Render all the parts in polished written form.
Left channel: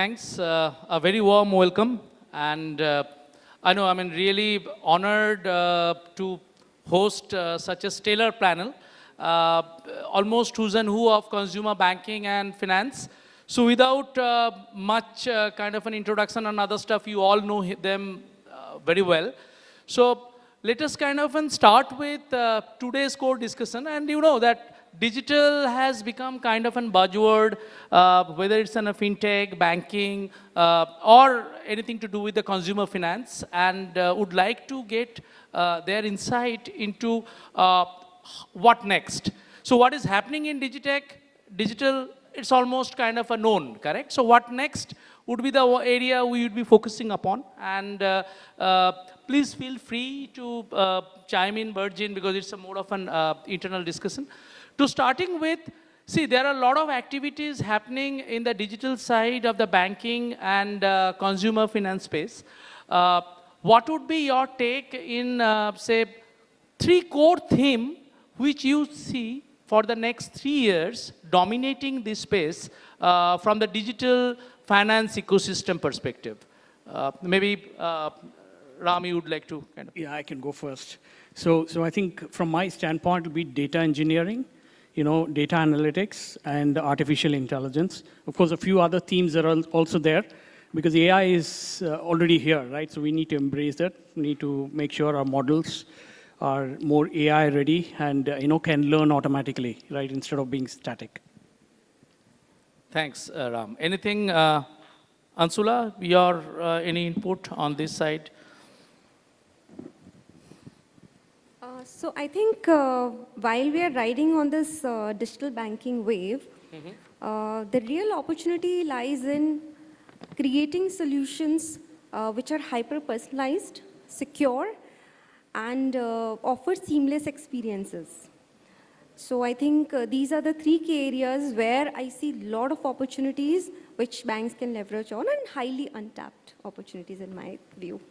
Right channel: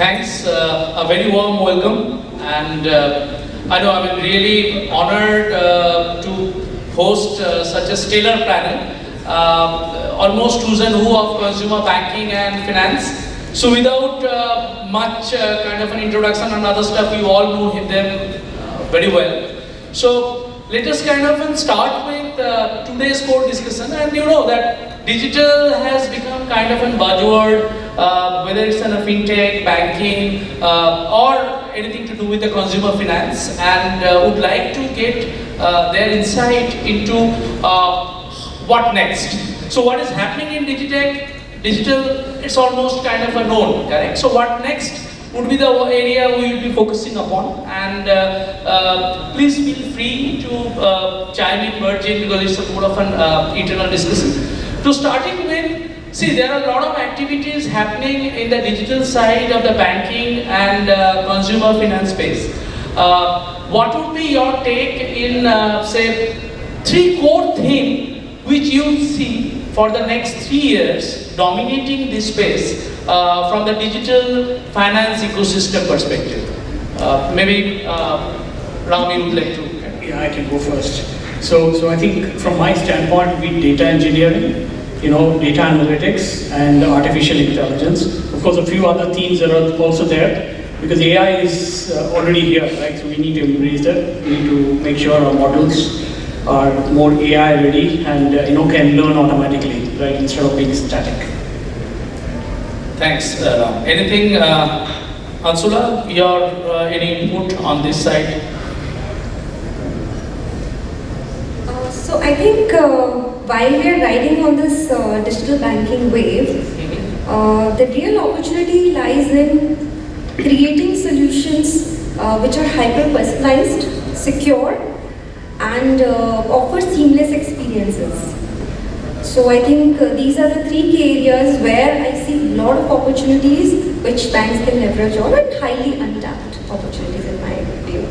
Thanks, a very warm welcome, and I know I'm really honored to host such a stellar panel, almost who's and who of consumer banking and finance. So without much kind of an introduction and other stuff, you all know them very well. So let us kind of start with today's core discussion, and you know that digital has become kind of a buzzword, whether it's in fintech, banking, or anything to do with the consumer finance, and would like to get their insight into what next. So what is happening in digital, it's almost kind of a known, correct? So what next would be the area we will be focusing upon, and please feel free to chime in, merge in, because it's more of an internal discussion. So starting with, see, there are a lot of activities happening in the digital side of the banking and consumer finance space. What would be your take in, say, three core things which you see for the next 3 years dominating this space from the digital finance ecosystem perspective? Maybe now you would like to. Yeah, I can go first. So I think from my standpoint, be data engineering, data analytics and artificial intelligence. Of course, a few other themes are also there because AI is already here, right? So we need to embrace it. We need to make sure our models are more AI ready and can learn automatically, right? Instead of being static. Thanks. Anything, Anshula, your any input on this side? So I think while we are riding on this digital banking wave, the real opportunity lies in creating solutions which are hyper-personalized, secure, and offer seamless experiences. So I think these are the 3 key areas where I see a lot of opportunities which banks can leverage on, and highly untapped opportunities in my view.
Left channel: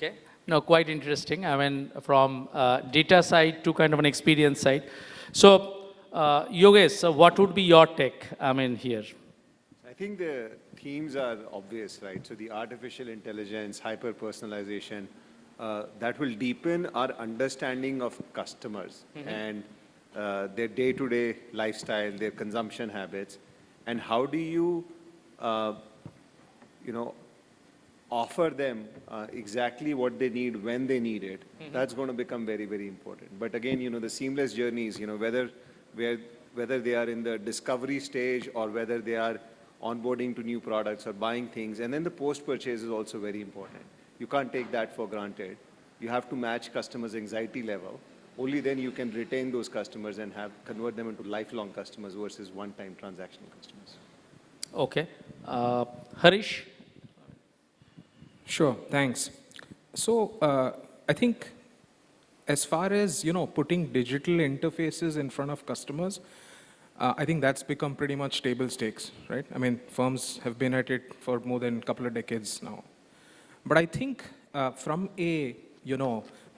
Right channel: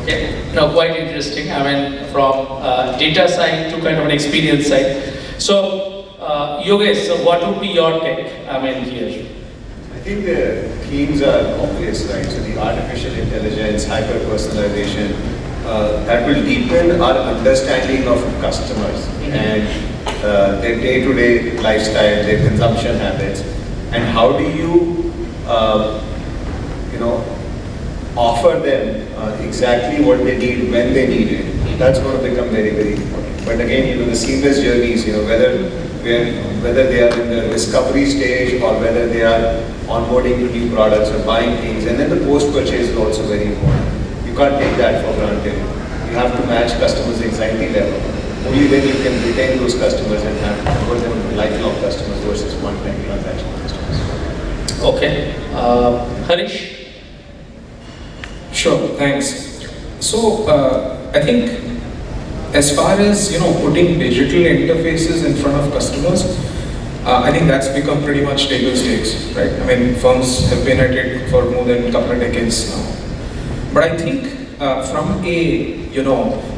Okay, now quite interesting. I mean, from data side to kind of an experience side. So, Yogesh, so what would be your take? I mean, here. I think the themes are obvious, right? So the artificial intelligence, hyper-personalization, that will deepen our understanding of customers and their day-to-day lifestyle, their consumption habits, and how do you, offer them exactly what they need when they need it. That's going to become very, very important. But again, the seamless journeys, whether they are in the discovery stage or whether they are onboarding to new products or buying things, and then the post-purchase is also very important. You can't take that for granted. You have to match customers' anxiety level. Only then you can retain those customers and have convert them into lifelong customers versus one-time transaction customers. Okay. Harish? Sure, thanks. So, I think as far as putting digital interfaces in front of customers, I think that's become pretty much table stakes, right? I mean, firms have been at it for more than a couple of decades now. But I think from a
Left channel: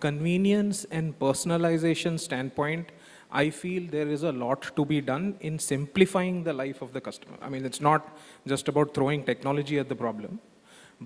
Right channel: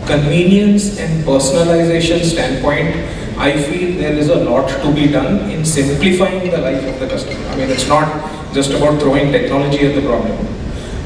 convenience and personalization standpoint, I feel there is a lot to be done in simplifying the life of the customer. I mean, it's not just about throwing technology at the problem,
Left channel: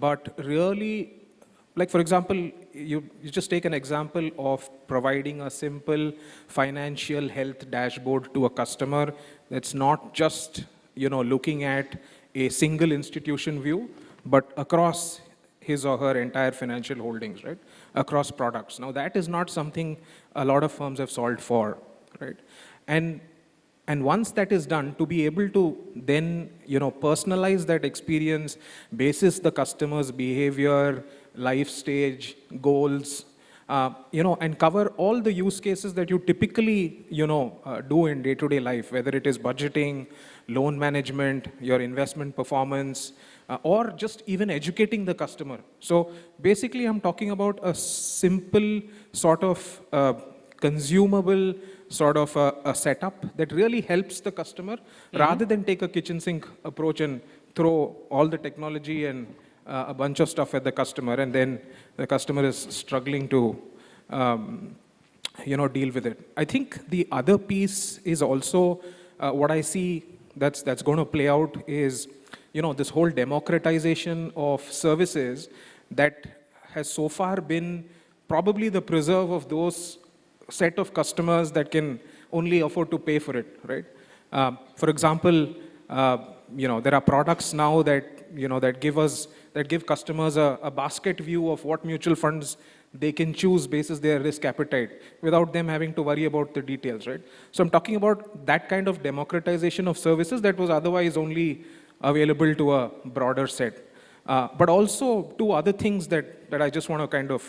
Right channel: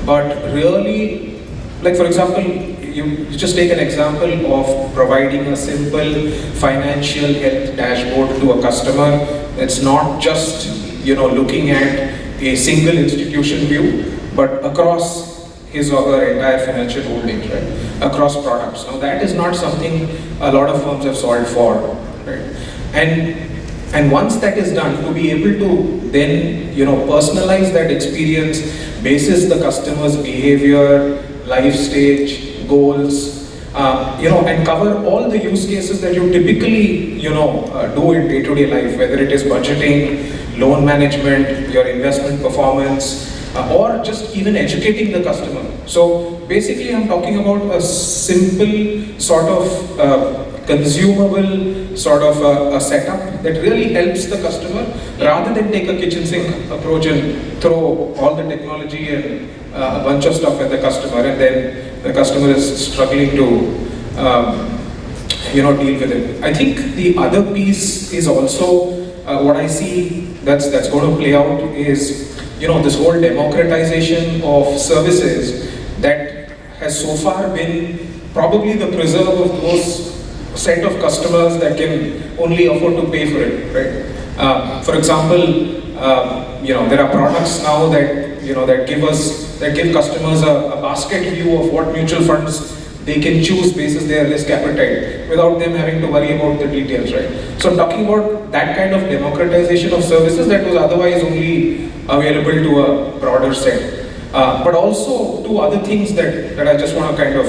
but really, like for example, you just take an example of providing a simple financial health dashboard to a customer. It's not just looking at a single institution view, but across his or her entire financial holdings, right? Across products. Now that is not something a lot of firms have solved for, right? And once that is done, to be able to then personalize that experience basis the customer's behavior, life stage, goals, and cover all the use cases that you typically do in day-to-day life, whether it is budgeting, loan management, your investment performance, or just even educating the customer. So basically I'm talking about a simple sort of consumable sort of a setup that really helps the customer rather than take a kitchen sink approach and throw all the technology and a bunch of stuff at the customer, and then the customer is struggling to deal with it. I think the other piece is also what I see that's going to play out is this whole democratization of services that has so far been probably the preserve of those set of customers that can only afford to pay for it, right? For example, there are products now that give customers a basket view of what mutual funds they can choose basis their risk appetite without them having to worry about the details, right? So talking about that kind of democratization of services that was otherwise only available to a broader set, but also to other things that I just want to kind of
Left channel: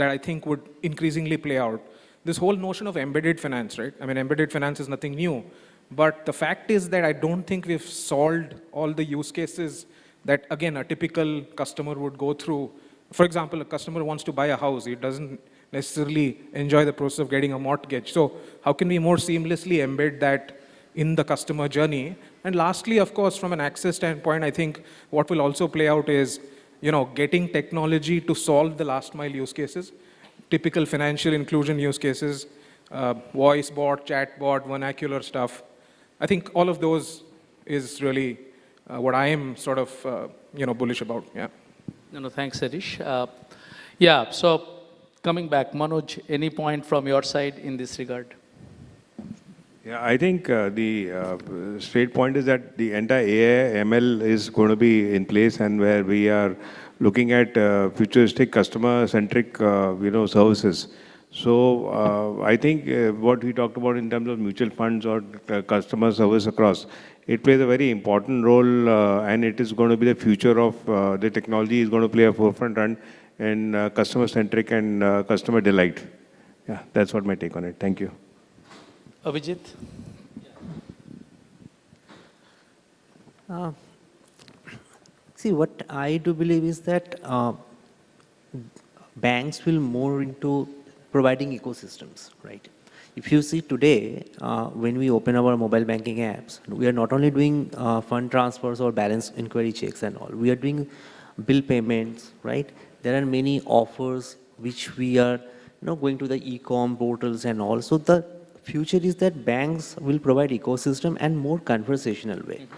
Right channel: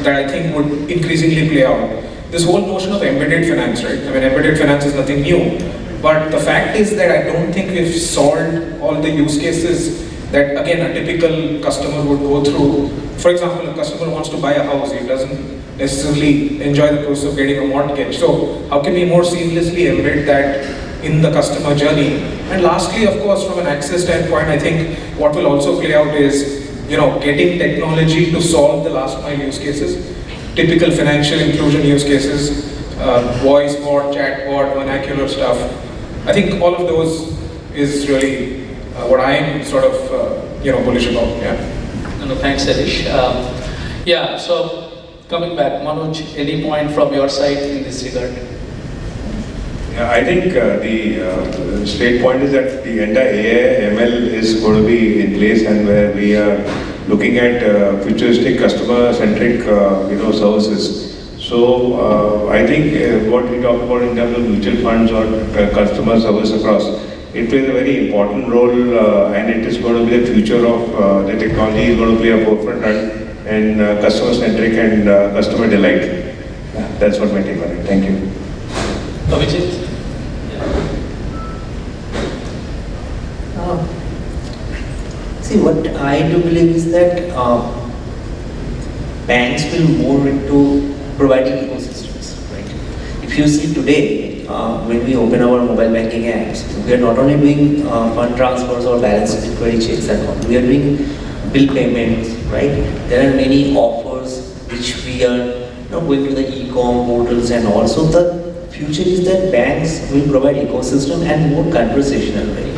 that I think would increasingly play out. This whole notion of embedded finance, right? I mean, embedded finance is nothing new, but the fact is that I don't think we've solved all the use cases that, again, a typical customer would go through. For example, a customer wants to buy a house, he doesn't necessarily enjoy the process of getting a mortgage. So how can we more seamlessly embed that in the customer journey? And lastly, of course, from an access standpoint, I think what will also play out is getting technology to solve the last mile use cases, typical financial inclusion use cases, voice bot, chat bot, vernacular stuff. I think all of those is really what I'm sort of bullish about. Yeah. No, thanks, Harish. So coming back, Manoj, any point from your side in this regard? I think the straight point is that the entire AI ML is going to be in place, and where we are looking at futuristic customer-centric services. So I think what you talk about in terms of mutual funds or customer service across, it plays a very important role, and it is going to be the future of the technology is going to be a forefront and customer-centric and customer delight. That's what my take on it. Thank you. Abhijit? See, what I do believe is that banks will move into providing ecosystems, right? If you see today, when we open our mobile banking apps, we are not only doing fund transfers or balance security checks and all, we are doing bill payments, right? There are many offers which we are going to the e-com portals, and also the future is that banks will provide ecosystem and more conversational, right?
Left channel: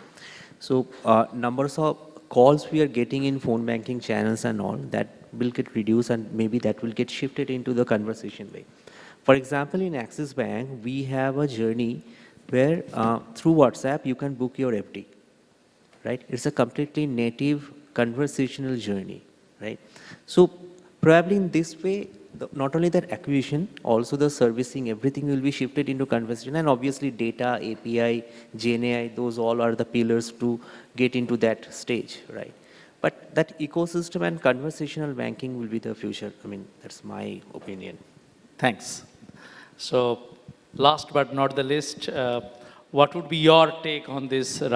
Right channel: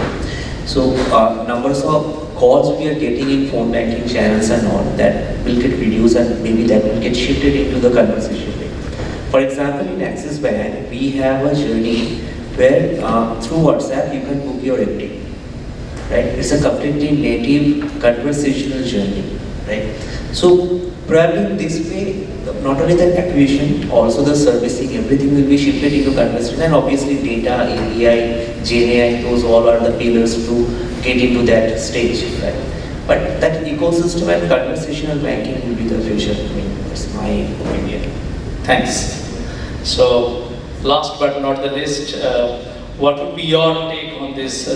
So numbers of calls we are getting in phone banking channels and all that will get reduced, and maybe that will get shifted into the conversation. For example, in Axis Bank, we have a journey where through WhatsApp you can book your FD. Right? It's a completely native conversational journey. Right? So probably this way, not only the acquisition, also the servicing, everything will be shifted into conversation. And obviously data, AI, GenAI, those all are the pillars to get into that stage. Right? But that ecosystem and conversational banking will be the future. I mean, that's my opinion. Thanks. So, last but not the least, what would be your take on this?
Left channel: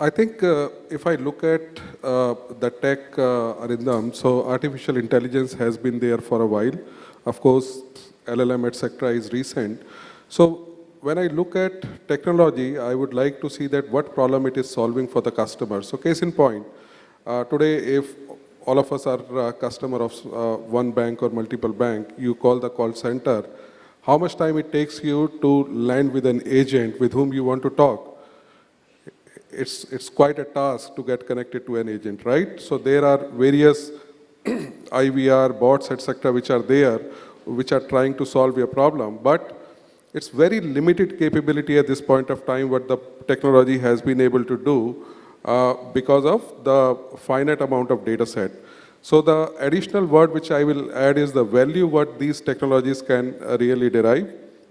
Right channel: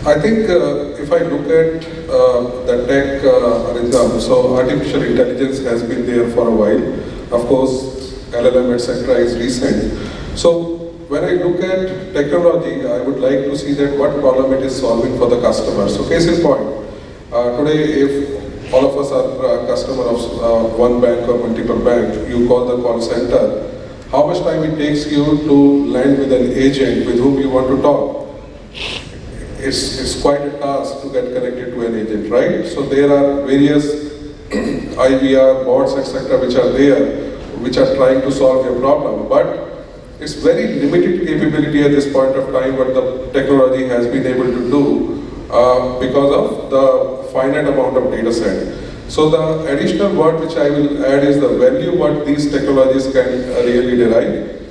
I think if I look at the tech, Arindam, so artificial intelligence has been there for a while. Of course, LLM, etc. is recent. So when I look at technology, I would like to see that what problem it is solving for the customer. So case in point, today if all of us are customers of one bank or multiple banks, you call the call center, how much time it takes you to land with an agent with whom you want to talk? It's quite a task to get connected to an agent, right? So there are various IVR, bots, etc. which are there, which are trying to solve your problem. But it's very limited capability at this point of time what the technology has been able to do because of the finite amount of data set. So the additional word which I will add is the value what these technologies can really derive.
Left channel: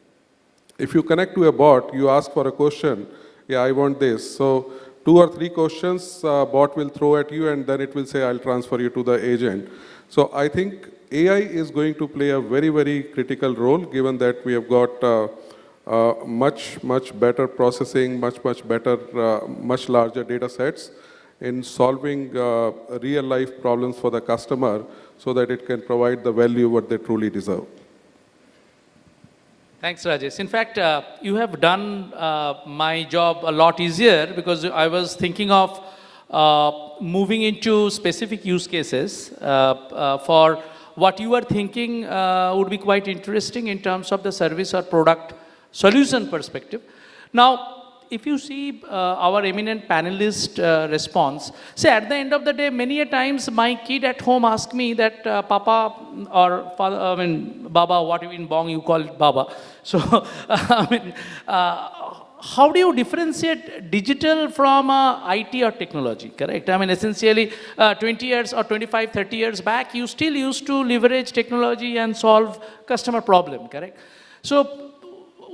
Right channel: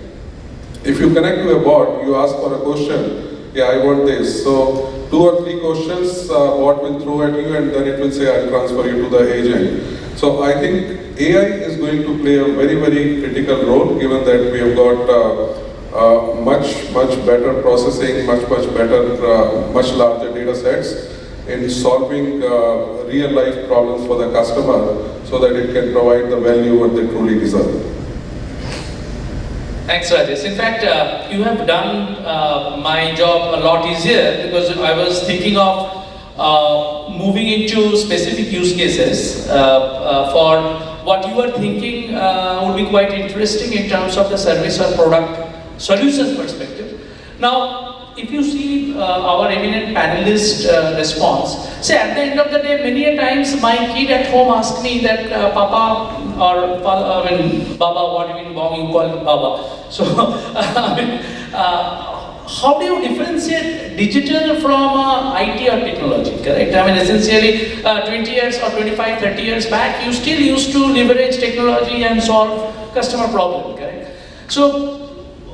If you connect to a bot, you ask for a question, yeah, I want this. So 2 or 3 questions bot will throw at you, and then it will say, I'll transfer you to the agent. So I think AI is going to play a very, very critical role, given that we have got much better processing, much better, much larger data sets in solving real life problems for the customer so that it can provide the value what they truly deserve. Thanks, Rajesh. In fact, you have done my job a lot easier, because I was thinking of moving into specific use cases for what you were thinking would be quite interesting in terms of the service or product solution perspective. Now, if you see our eminent panelist response. See, at the end of the day, many times my kid at home asks me that Papa or Baba, what you call it Baba. So, I mean, how do you differentiate digital from IT or technology, correct? I mean, essentially, 20 years or 25, 30 years back, you still used to leverage technology and solve customer problem, correct? So,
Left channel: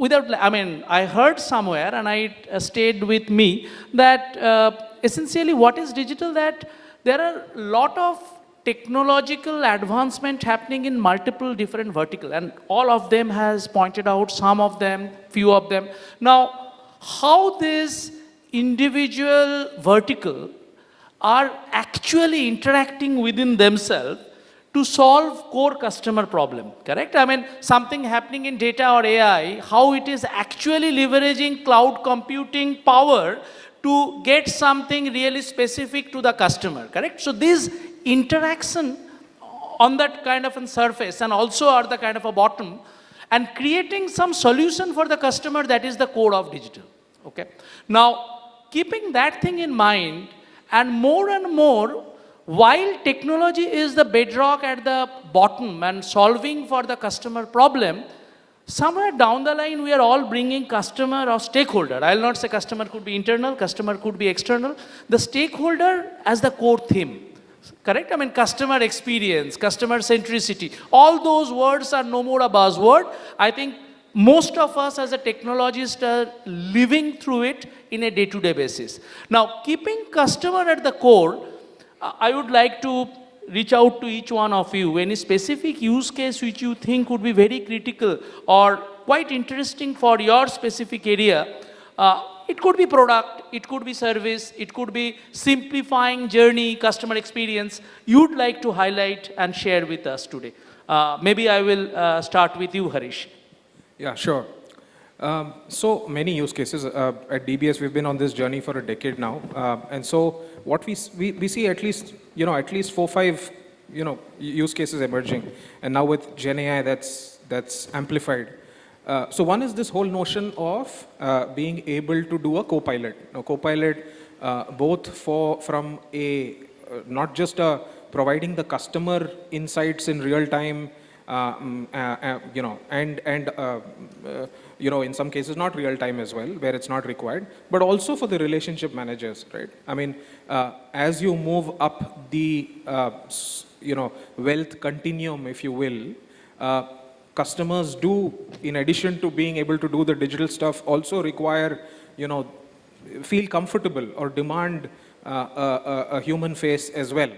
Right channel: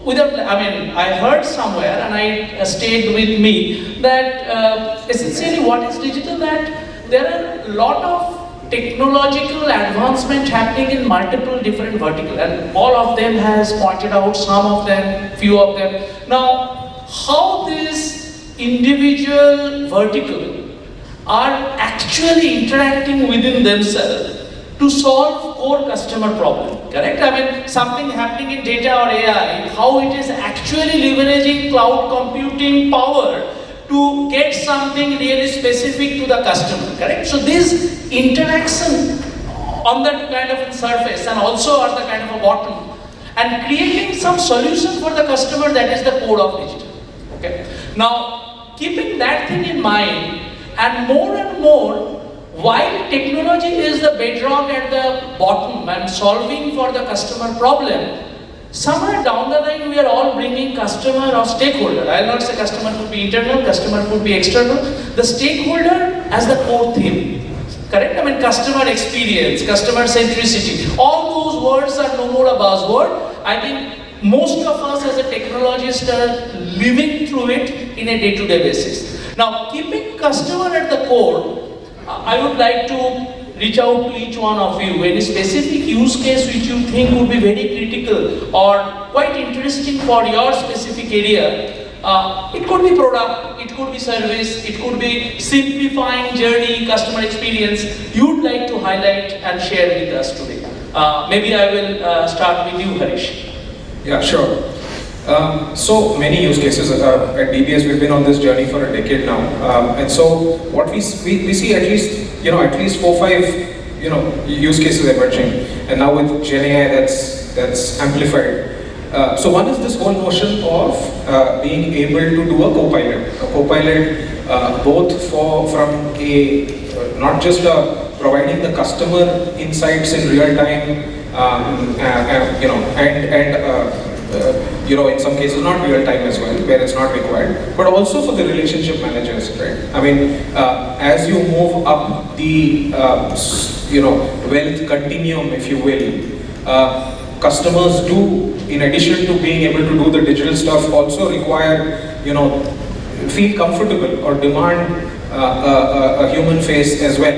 I heard somewhere, and I stayed with me, that essentially what is digital, that there are a lot of technological advancement happening in multiple different verticals, and all of them has pointed out, some of them, few of them. Now, how this individual vertical are actually interacting within themselves to solve core customer problem, correct? I mean, something happening in data or AI, how it is actually leveraging cloud computing power to get something really specific to the customer, correct? So this interaction on that kind of surface and also at the kind of bottom, and creating some solution for the customer, that is the core of digital. Okay. Now, keeping that thing in mind, and more, while technology is the bedrock at the bottom and solving for the customer problem, somewhere down the line we are all bringing customer or stakeholder. I will not say customer could be internal, customer could be external. The stakeholder as a core theme. Correct? I mean, customer experience, customer centricity. All those words are no more a buzzword. I think most of us as a technologist are living through it in a day-to-day basis. Now, keeping customer at the core, I would like to reach out to each one of you. Any specific use case which you think would be very critical or quite interesting for your specific area. It could be product, it could be service, it could be simplifying journey, customer experience. You would like to highlight and share with us today. Maybe I will start with you, Harish. Yeah, sure. So many use cases at DBS. We've been on this journey for a decade now, and so what we see at least 4-5 use cases emerging, and now with Gen AI that's amplified. So one is this whole notion of being able to do a co-pilot both from not just providing the customer insights in real time, in some cases not real time as well, where it's not required, but also for the relationship managers, right? I mean, as you move up the wealth continuum, if you will, customers do, in addition to being able to do the digital stuff, also require, feel comfortable or demand a human face as well.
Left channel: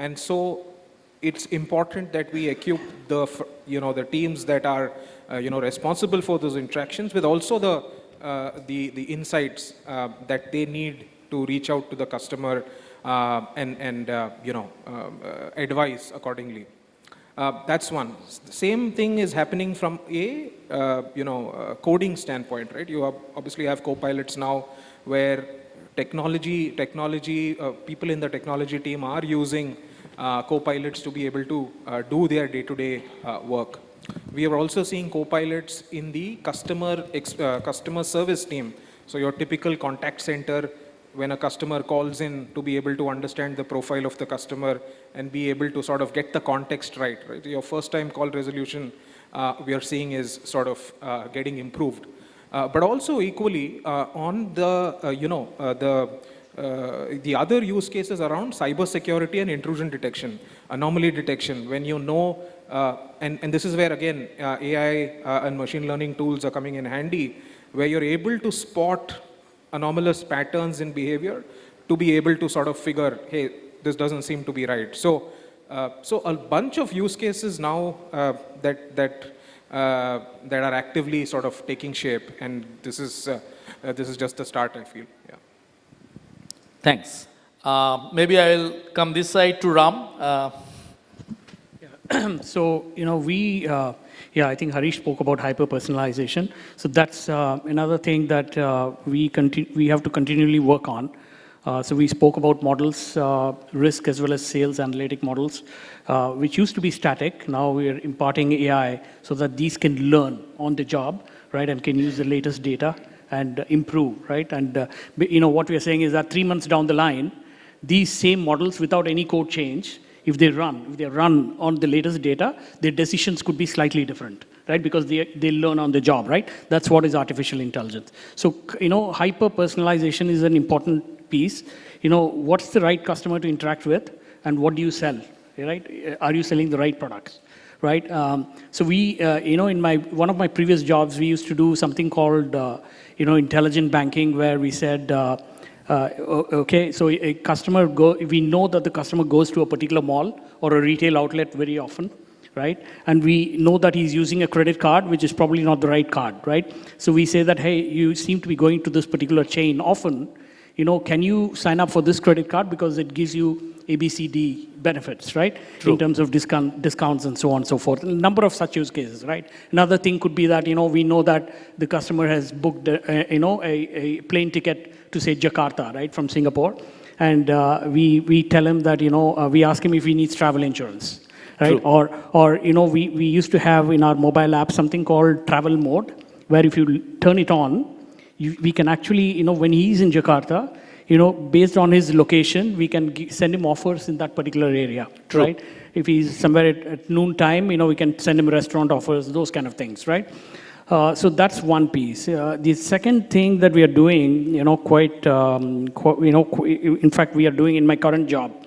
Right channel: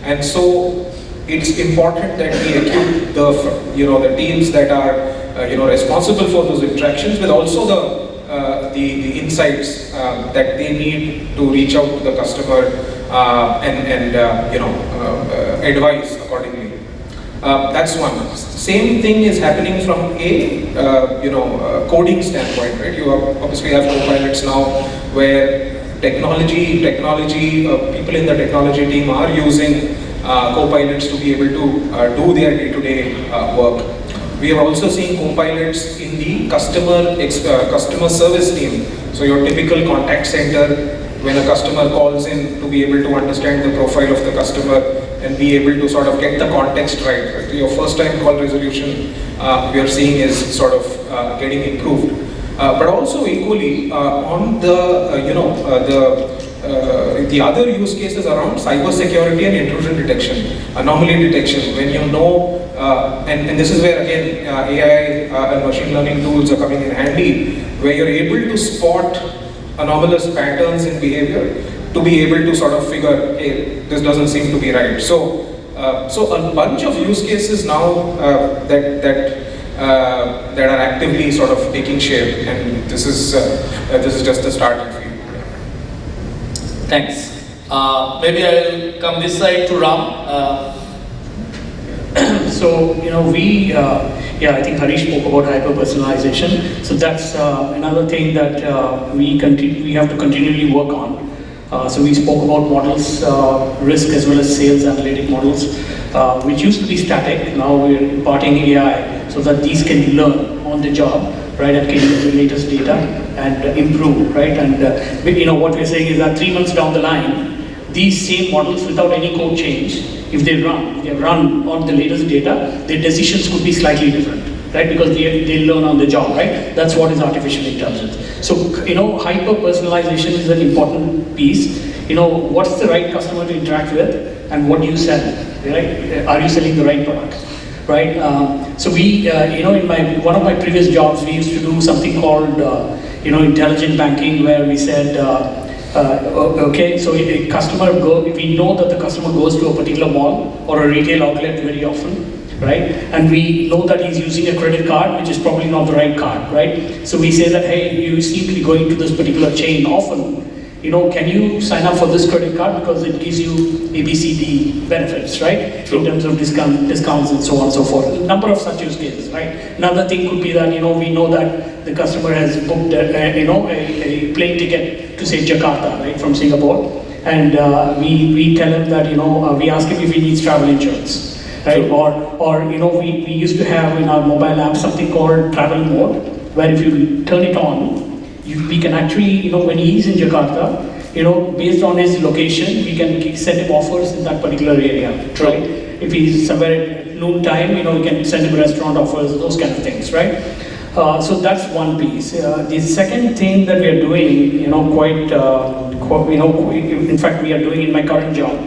And so it's important that we equip the teams that are responsible for those interactions with also the insights that they need to reach out to the customer and advise accordingly. That's one. Same thing is happening from a coding standpoint, right? You obviously have co-pilots now where technology people in the technology team are using co-pilots to be able to do their day-to-day work. We have also seen co-pilots in the customer service team. So your typical contact center, when a customer calls in, to be able to understand the profile of the customer and be able to sort of get the context right. So your first time call resolution we are seeing is sort of getting improved. But also equally on the other use cases around cyber security and intrusion detection, anomaly detection, when and this is where again AI and machine learning tools are coming in handy, where you're able to spot anomalous patterns in behavior to be able to sort of figure, hey, this doesn't seem to be right. So a bunch of use cases now that are actively sort of taking shape, and this is just the start. Thanks. Maybe I'll come this side to Ram. So, I think Harish spoke about hyper-personalization. So that's another thing that we have to continually work on. So we spoke about models, risk as well as sales analytic models, which used to be static. Now we're imparting AI so that these can learn on the job, right, and can use the latest data and improve, right? And what we're saying is that 3 months down the line, these same models without any code change, if they run on the latest data, their decisions could be slightly different, right? Because they learn on the job, right? That's what is artificial intelligence. So, hyper-personalization is an important piece. What's the right customer to interact with, and what do you sell, right? Are you selling the right product? Right. So we, in one of my previous jobs, we used to do something called, intelligent banking, where we said, okay, so if a customer we know that the customer goes to a particular mall or a retail outlet very often, right? And we know that he's using a credit card, which is probably not the right card, right? So we say that, hey, you seem to be going to this particular chain often. Can you sign up for this credit card because it gives you ABCD benefits, right? In terms of discounts and so on and so forth. A number of such use cases, right? Another thing could be that, we know that the customer has booked a plane ticket to say Jakarta, right, from Singapore. And we tell them that, we ask him if he needs travel insurance, right? Or we used to have in our mobile app something called travel mode, where if you turn it on, we can actually, when he's in Jakarta, based on his location, we can send offers in that particular area, right? If he's somewhere at noon time, we can send restaurant offers, those kind of things, right? So that's one piece. The second thing that we are doing, in fact, we are doing in my current job,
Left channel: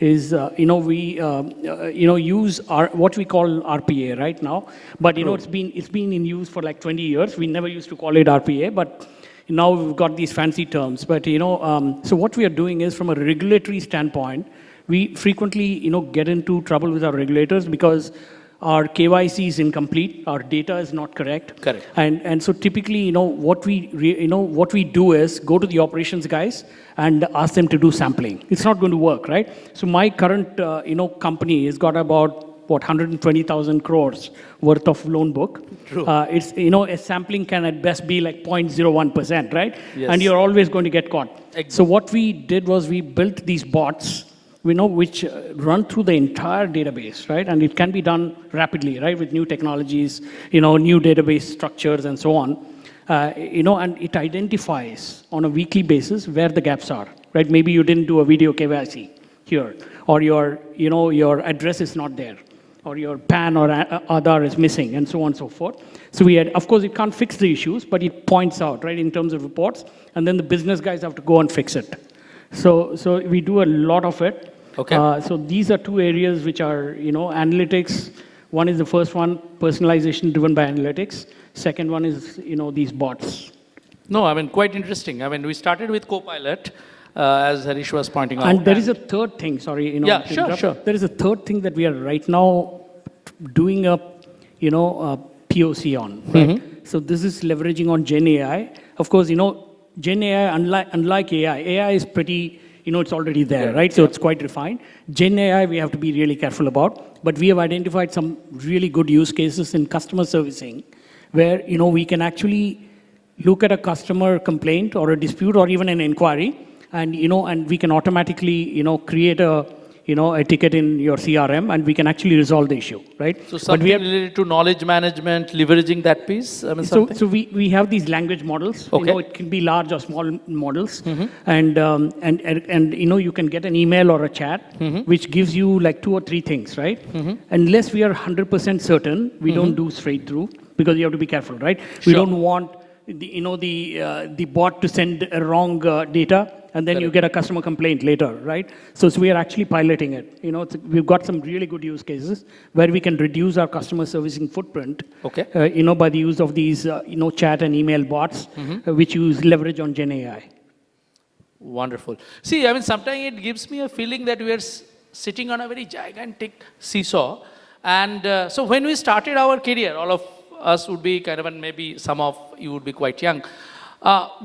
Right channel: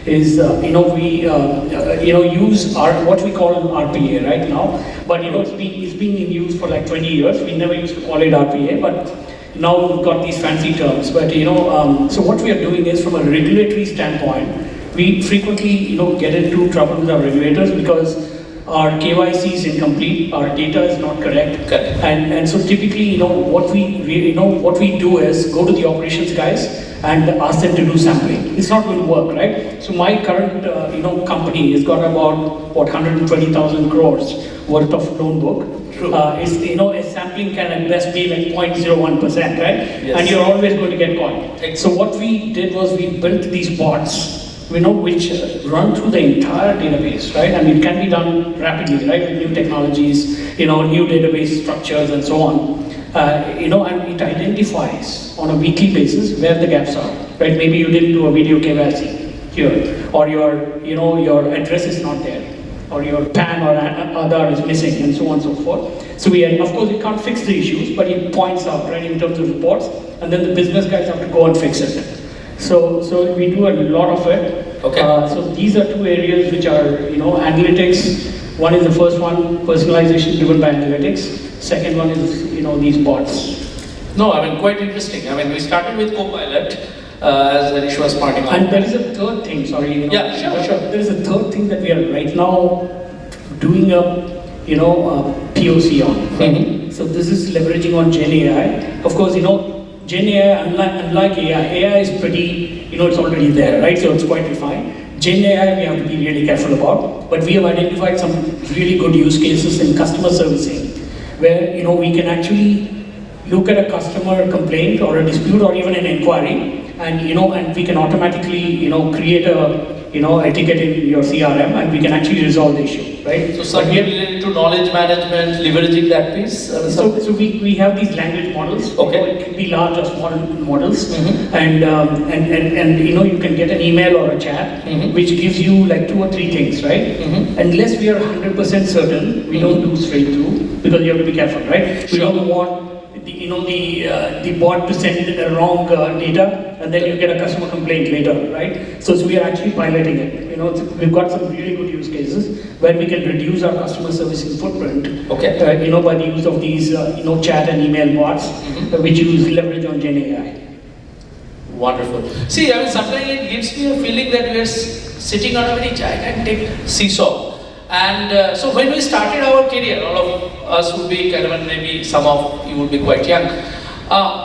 is we use what we call RPA right now, but it's been in use for like 20 years. We never used to call it RPA, but now we've got these fancy terms. But so what we are doing is, from a regulatory standpoint, we frequently get into trouble with our regulators because our KYC is incomplete, our data is not correct, and so typically, what we do is go to the operations guys and ask them to do sampling. It's not going to work, right? So my current, company has got about 120,000 crores worth of loan book. It's, a sampling can at best be like 0.01%, right? Yes. And you're always going to get caught. So what we did was we built these bots, which run through the entire database, right? And it can be done rapidly, right? New technologies, new database structures and so on. And it identifies on a weekly basis where the gaps are, right? Maybe you didn't do a video KYC here, or your address is not there, or your PAN or Aadhaar is missing, and so on and so forth. So of course, we can't fix the issues, but it points out, right, in terms of reports, and then the business guys have to go and fix it. So we do a lot of it. Okay. So these are two areas which are, analytics. One is the first one, personalization driven by analytics. Second one is, these bots. No, quite interesting. We started with Copilot as an extra smart. And there is a third thing, sorry. Yeah, sure. There is a third thing that we are right now doing a POC on. Mm-hmm. So this is leveraging on Gen AI. Of course, Gen AI, unlike AI is pretty, it's already there, right? So it's quite defined. Gen AI we have to be really careful about, but we have identified some really good use cases in customer servicing, where we can actually look at a customer complaint or a dispute or even an inquiry, and and we can automatically create a ticket in your CRM, and we can actually resolve the issue, right? So again, related to knowledge management, leveraging that piece. So we have these language models. Okay. It can be large or small models, mm-hmm. and you can get an email or a chat, mm-hmm. which gives you like 2 or 3 things, right? Mm-hmm. And unless we are 100% certain, we don't do straight through, because you have to be careful, right? We don't want the bot to send the wrong data, and then you get a customer complaint later, right? So we are actually piloting it. We've got some really good use cases where we can reduce our customer service footprint. Okay. By the use of these chat and email bots, which use leverage on Gen AI. Wonderful. See, sometimes it gives me a feeling that we're sitting on a very gigantic seesaw. And so when we started our career, all of us would be, maybe some of you would be quite young,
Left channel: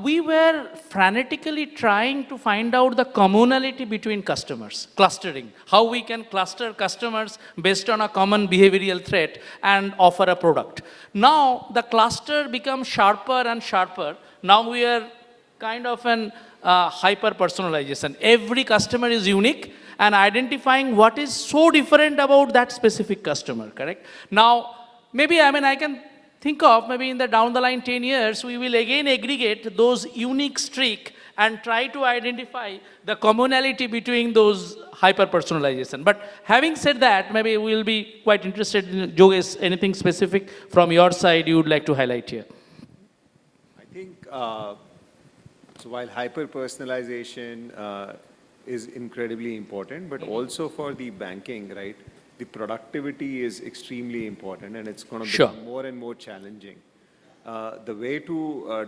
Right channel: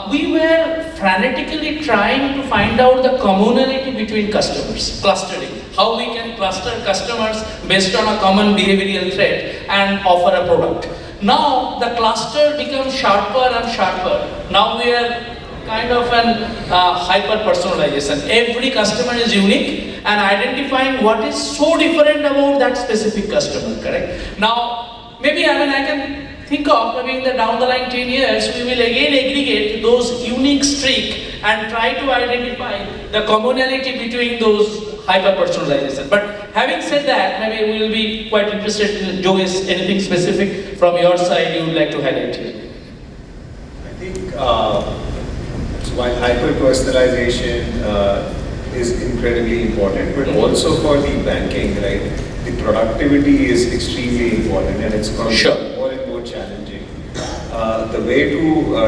we were frantically trying to find out the commonality between customers, clustering. How we can cluster customers based on a common behavioral trait and offer a product. Now the cluster becomes sharper and sharper. Now we are kind of an hyper-personalization. Every customer is unique, and identifying what is so different about that specific customer, correct? Now, maybe I can think of maybe in the down the line 10 years, we will again aggregate those unique streaks and try to identify the commonality between those hyper-personalization. But having said that, maybe we will be quite interested in Yogesh, anything specific from your side you would like to highlight? I think while hyper-personalization is incredibly important, but also for the banking, right? The productivity is extremely important, and it's going to be more and more challenging. The way to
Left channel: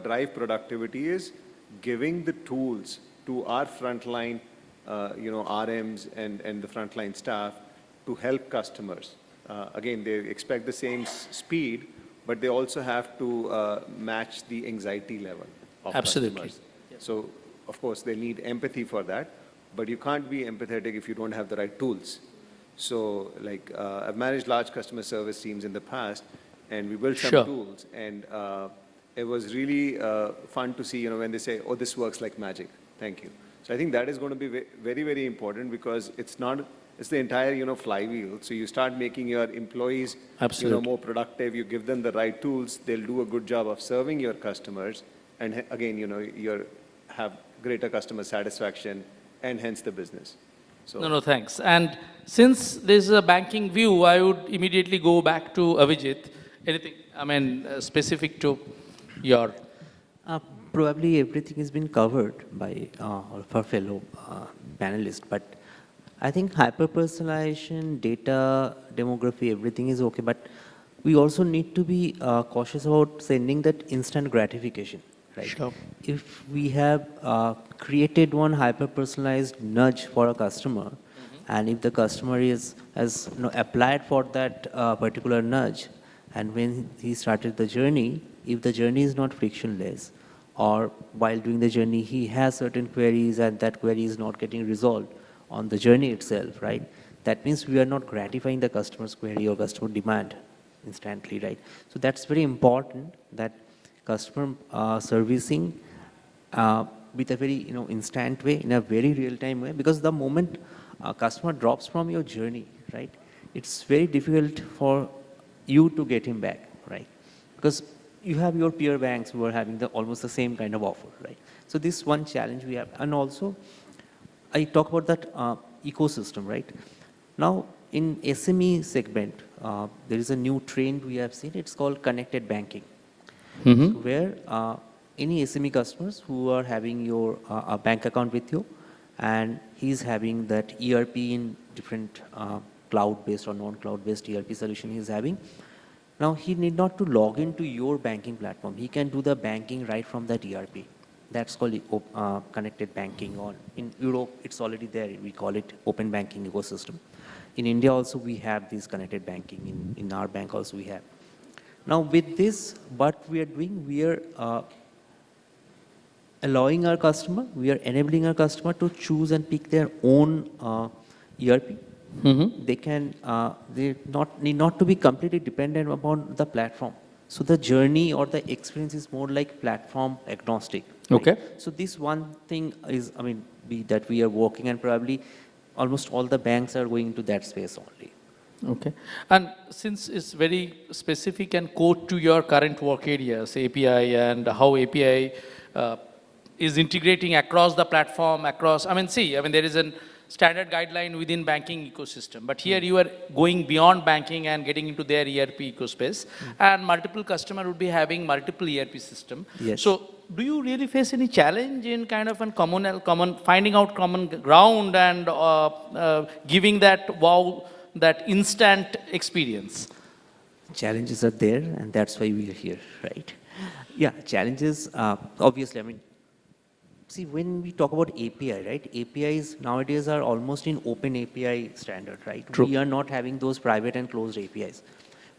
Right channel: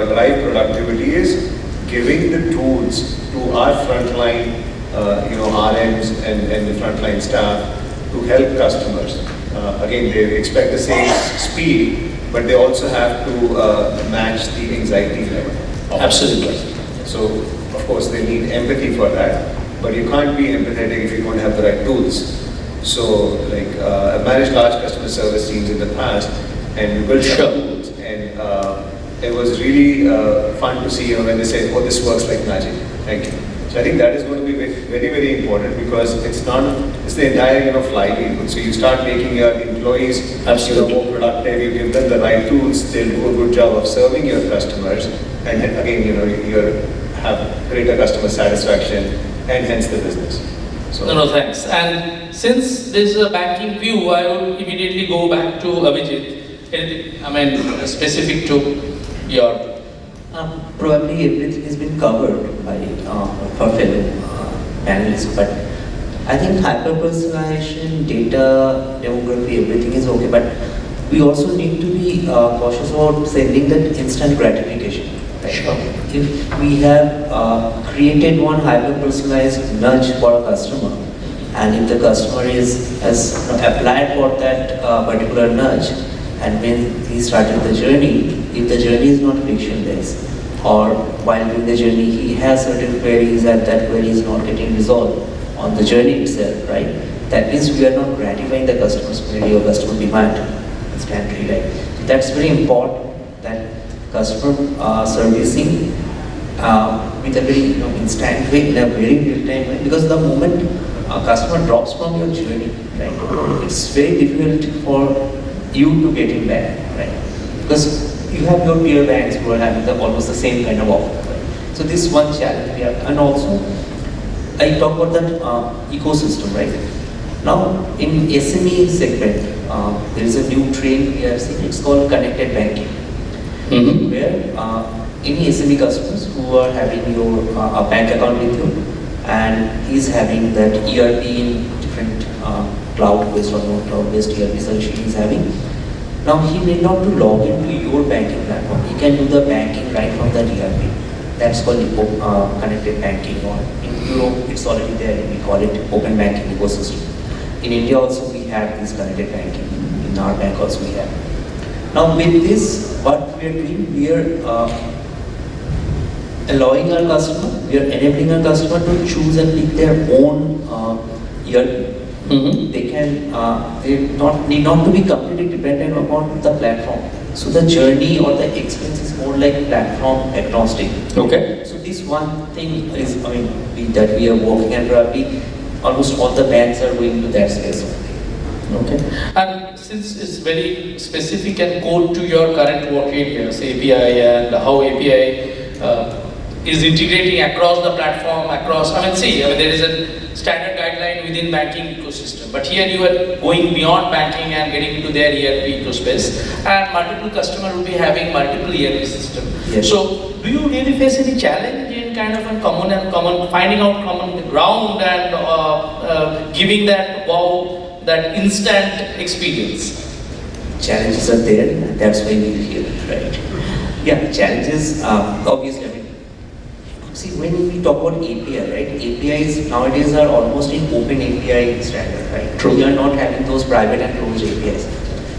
drive productivity is giving the tools to our frontline, RMs and the frontline staff to help customers. Again, they expect the same speed, but they also have to match the anxiety level. Absolutely. So, of course, they need empathy for that, but you can't be empathetic if you don't have the right tools. So, like, I've managed large customer service teams in the past, and we built tools, and it was really fun to see when they say, "Oh, this works like magic." Thank you. So I think that is going to be very, very important because it's the entire flywheel. So you start making your employees more productive, you give them the right tools, they'll do a good job of serving your customers, and then again, you have greater customer satisfaction and hence the business. So, no, thanks. And since there is a banking view, I would immediately go back to Abhijit. I mean, specific to your. Probably everything has been covered by our fellow panelists, but I think hyper-personalization, data, demography, everything is okay, but we also need to be cautious about setting that instant gratification. Sure. If we have created one hyper-personalized nudge for a customer, and if the customer has applied for that particular nudge, and when he started the journey, if the journey is not frictionless, or while doing the journey he has certain queries and that query is not getting resolved on the journey itself, right? That means we are not gratifying the customer's query or customer demand instantly, right? That's very important that customer servicing with a very instant rate in a very real time, because the moment a customer drops from your journey, right, it's very difficult for you to get him back, right? Because you have your peer banks who are having almost the same kind of offer. Right? So this is one challenge here. And also, I talk about that ecosystem, right? Now, in SME segment, there is a new trend we have seen, it's called connected banking. Where any SME customers who are having your a bank account with you and is having that ERP in different cloud-based or not cloud-based ERP solution is having, now he may not to log into your banking platform. He can do the banking right from that ERP. That's called connected banking. Or in Europe, it's already there. We call it open banking ecosystem. In India also, we have this connected banking. In our bank also we have. Now with this, what we are doing, we are allowing our customer, we are enabling our customer to choose and pick their own ERP. They can need not to be completely dependent upon the platform. So the journey or the experience is more like platform agnostic. Okay. So this one thing is, that we are working and probably almost all the banks are going to that space. Okay. And since it's very specific and core to your current work areas, API and how API is integrating across the platform, there is a standard guideline within banking ecosystem. But here you are going beyond banking and getting to their ERP ecosystem. And multiple customers will be having multiple ERP systems. Yes. So do you really face any challenge in kind of a finding out common ground and giving that that instant experience? Challenges are there, and that's why we're here, right? Yeah, challenges obviously. See, when we talk about API, right? APIs nowadays are almost in open API standard, right? True. We are not having those private and closed APIs.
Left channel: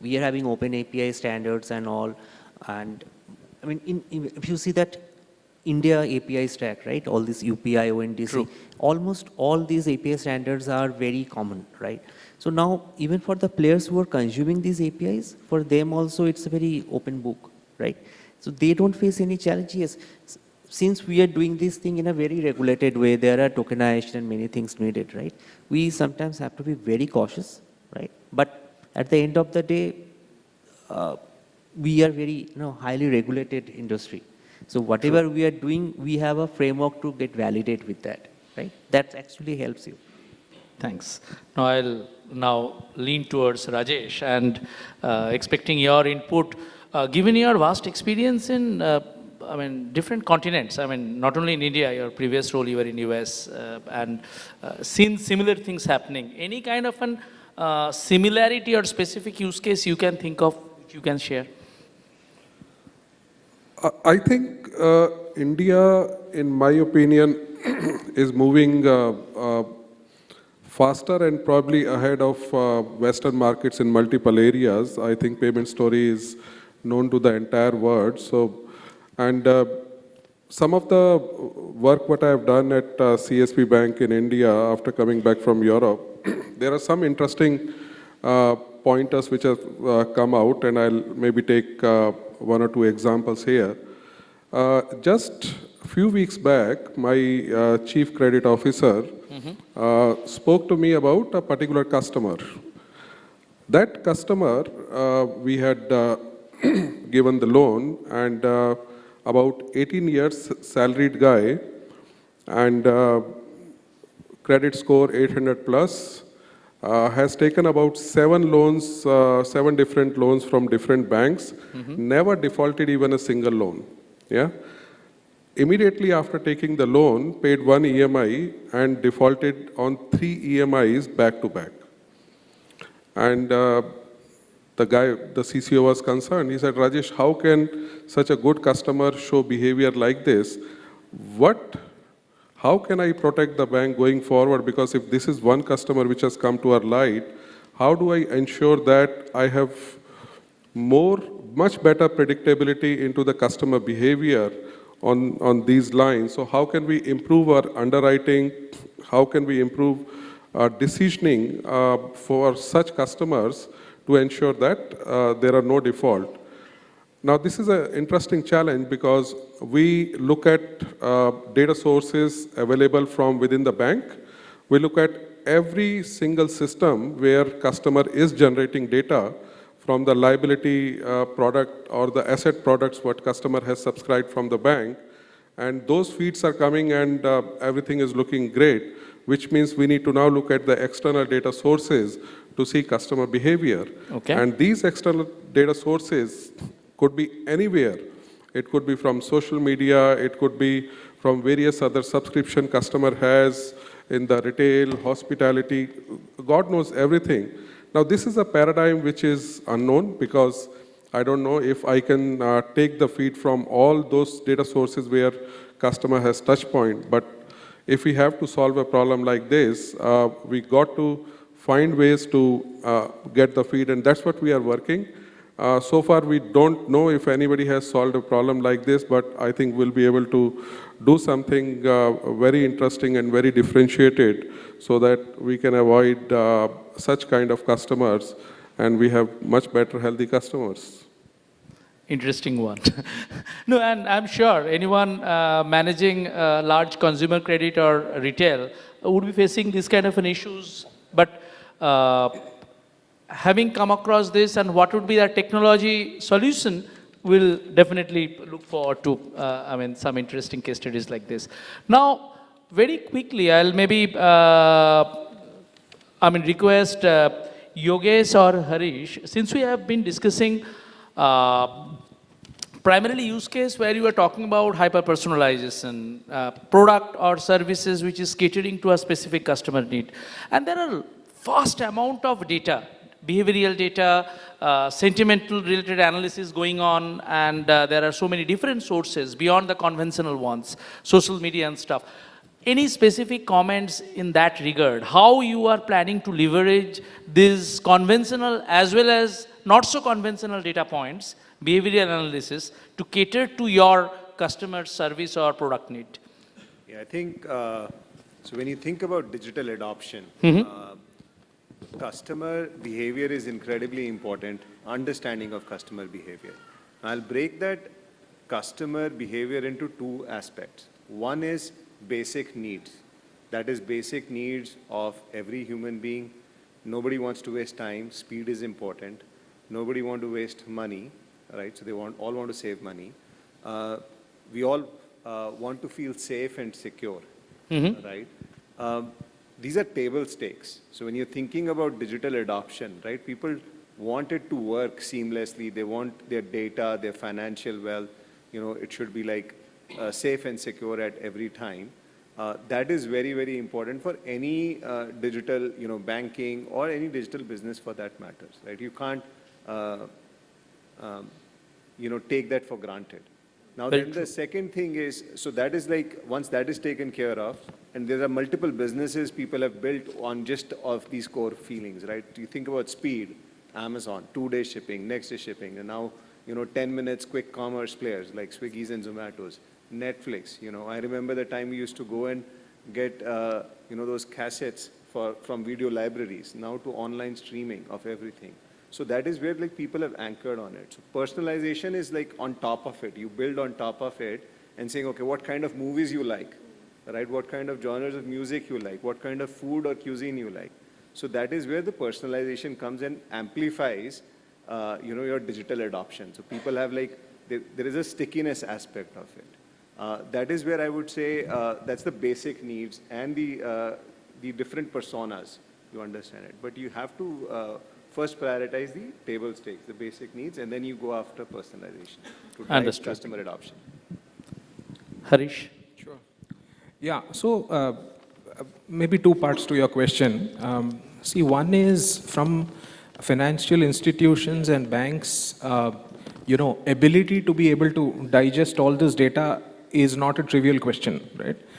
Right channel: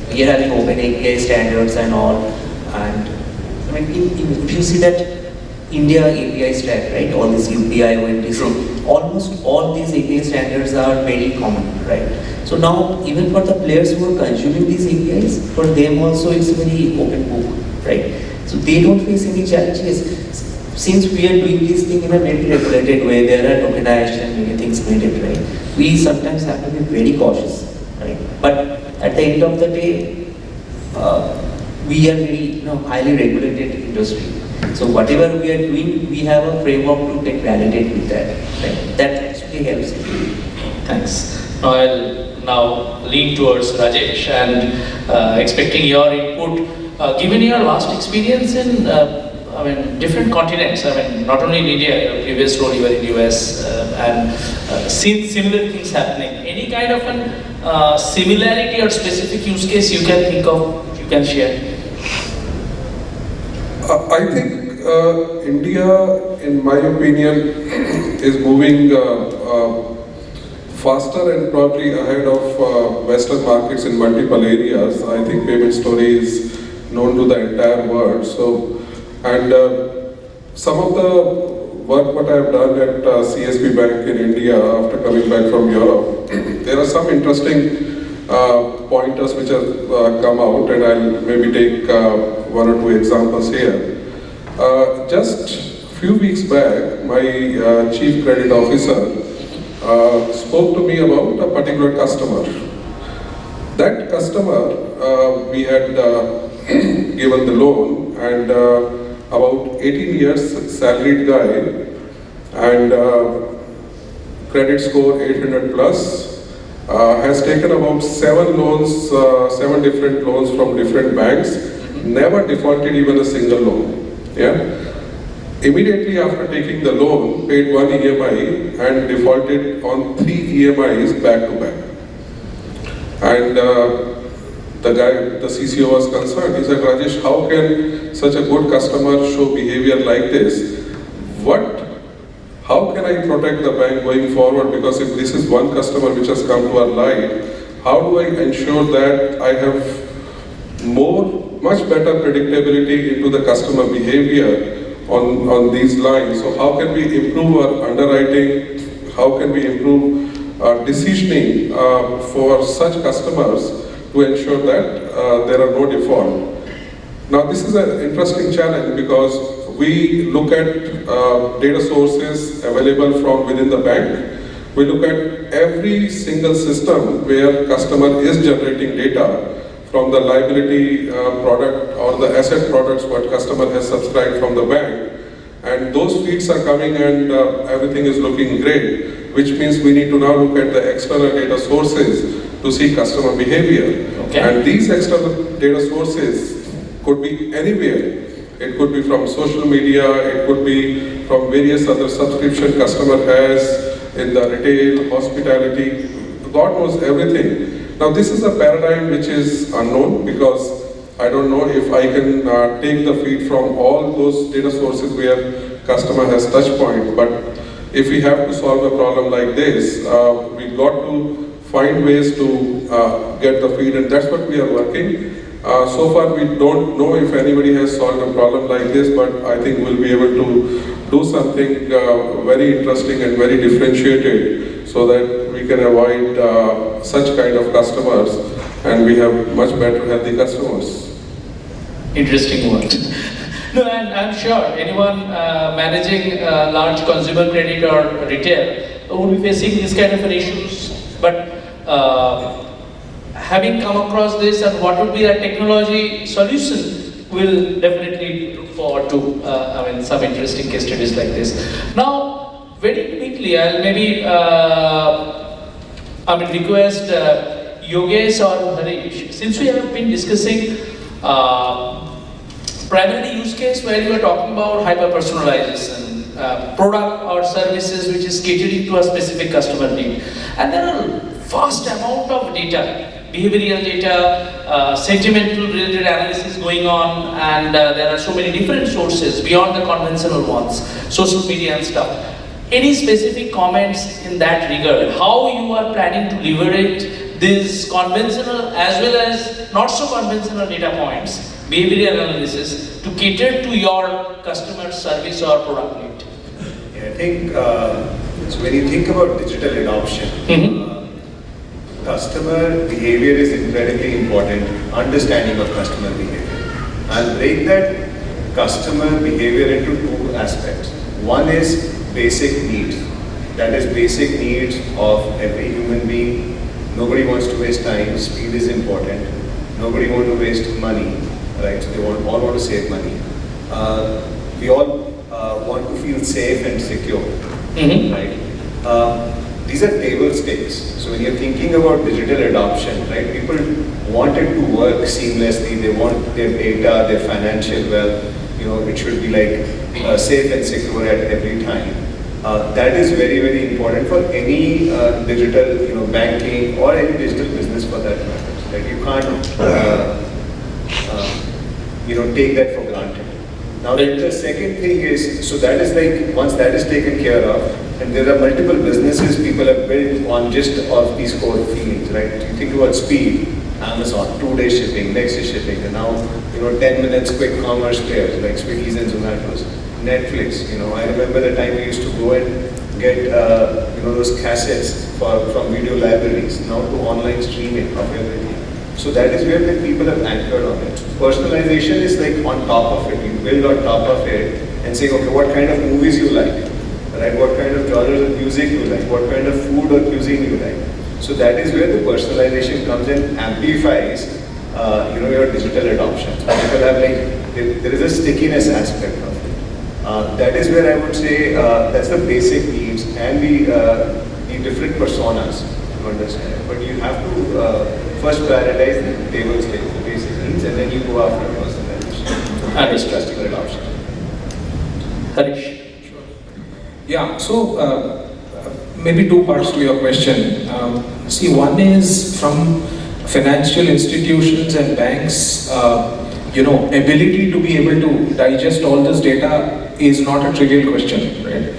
We are having open API standards and all. And if you see that India API stack, right? All this UPI, OMDC, almost all these API standards are very common, right? So now, even for the players who are consuming these APIs, for them also it's a very open book, right? So they don't face any challenges. Since we are doing this thing in a very regulated way, there are tokenized and many things needed, right? We sometimes have to be very cautious, right? But at the end of the day, we are very highly regulated industry. So whatever we are doing, we have a framework to get validated with that. Right? That actually helps. Thanks. I'll now lean towards Rajesh and expecting your input. Given your vast experience in different continents, not only in India, previous role you were in US and seen similar things happening. Any kind of an similarity or specific use case you can think of, you can share? I think India, in my opinion, is moving faster and probably ahead of Western markets in multiple areas. I think payment story is known to the entire world. So, and some of the work what I have done at CSB Bank in India after coming back from Europe, there are some interesting pointers which have come out, and I'll maybe take one or two examples here. Just a few weeks back, my chief credit officer spoke to me about a particular customer. That customer, we had given the loan, and about 18 years salaried guy, and credit score 800 plus, has taken about 7 different loans from different banks, never defaulted even a single loan. Yeah. Immediately after taking the loan, paid 1 EMI and defaulted on 3 EMIs back to back. And the guy, the CCO was concerned. He said, Rajesh, how can such a good customer show behavior like this? How can I protect the bank going forward? Because if this is one customer which has come to our life, how do I ensure that I have much better predictability into the customer behavior on these lines? So how can we improve our underwriting? How can we improve decisioning for such customers to ensure that there are no default? Now this is an interesting challenge because we look at data sources available from within the bank. We look at every single system where customer is generating data from the liability product or the asset products what customer has subscribed from the bank. And those feeds are coming and everything is looking great, which means we need to now look at the external data sources to see customer behavior. Okay. And these external data sources could be anywhere. It could be from social media, it could be from various other subscription customer has in the retail, hospitality, God knows everything. Now this is a paradigm which is unknown because I don't know if I can take the feed from all those data sources where customer has touch point, but if we have to solve a problem like this, we got to find ways to get the feed, and that's what we are working. So far we don't know if anybody has solved a problem like this, but I think we'll be able to do something very interesting and very differentiated so that we can avoid such kind of customers and we have much better healthy customers. Interesting one. No, and I'm sure anyone managing large consumer credit or retail will be facing this kind of issues. But having come across this and what will be the technology solution, we'll definitely look forward to some interesting case studies like this. Now, very quickly, I'll maybe I would request Yogesh or Harish, since we have been discussing primary use case where we are talking about hyper-personalization, product or services which is catering to a specific customer need. And there are vast amount of data, behavioral data, sentimental related analysis going on, and there are so many different sources beyond the conventional ones, social media and stuff. Any specific comments in that regard? How you are planning to leverage these conventional as well as not so conventional data points, behavioral analysis, to cater to your customer service or product need? I think so when you think about digital adoption, customer behavior is incredibly important, understanding of customer behavior. I'll break that customer behavior into two aspects. One is basic needs. That is basic needs of every human being. Nobody wants to waste time, speed is important. Nobody wants to waste money. right? So they all want to save money. We all want to feel safe and secure, right? These are table stakes. So when you're thinking about digital adoption, right, people want it to work seamlessly. They want their data, their financial wealth, it should be like safe and secure at every time. That is very, very important for any digital, banking or any digital business for that matter. Right? You can't, take that for granted. Now, the second thing is, so that is like, once that is taken care of, and there are multiple businesses people have built on just of these core feelings, right? You think about speed, Amazon, 2-day shipping, next day shipping, and now, 10 minutes quick commerce players like Swiggy's and Zomato's. Netflix, I remember the time we used to go and get, those cassettes from video libraries, now to online streaming of everything. So that is where the people have anchored on it. Personalization is like on top of it. You build on top of it and say, okay, what kind of movies you like, right? What kind of genres of music you like, what kind of food or cuisine you like. So that is where the personalization comes and amplifies, your digital adoption. So people have there is a stickiness aspect of it. That is where I would say that's the basic needs and the different personas to understand it. But you have to first prioritize the table stakes, the basic needs, and then you go after personalization and customer adoption. Harish. Yeah, so maybe two parts to your question. See, one is from financial institutions and banks, ability to be able to digest all this data is not a trivial question, right?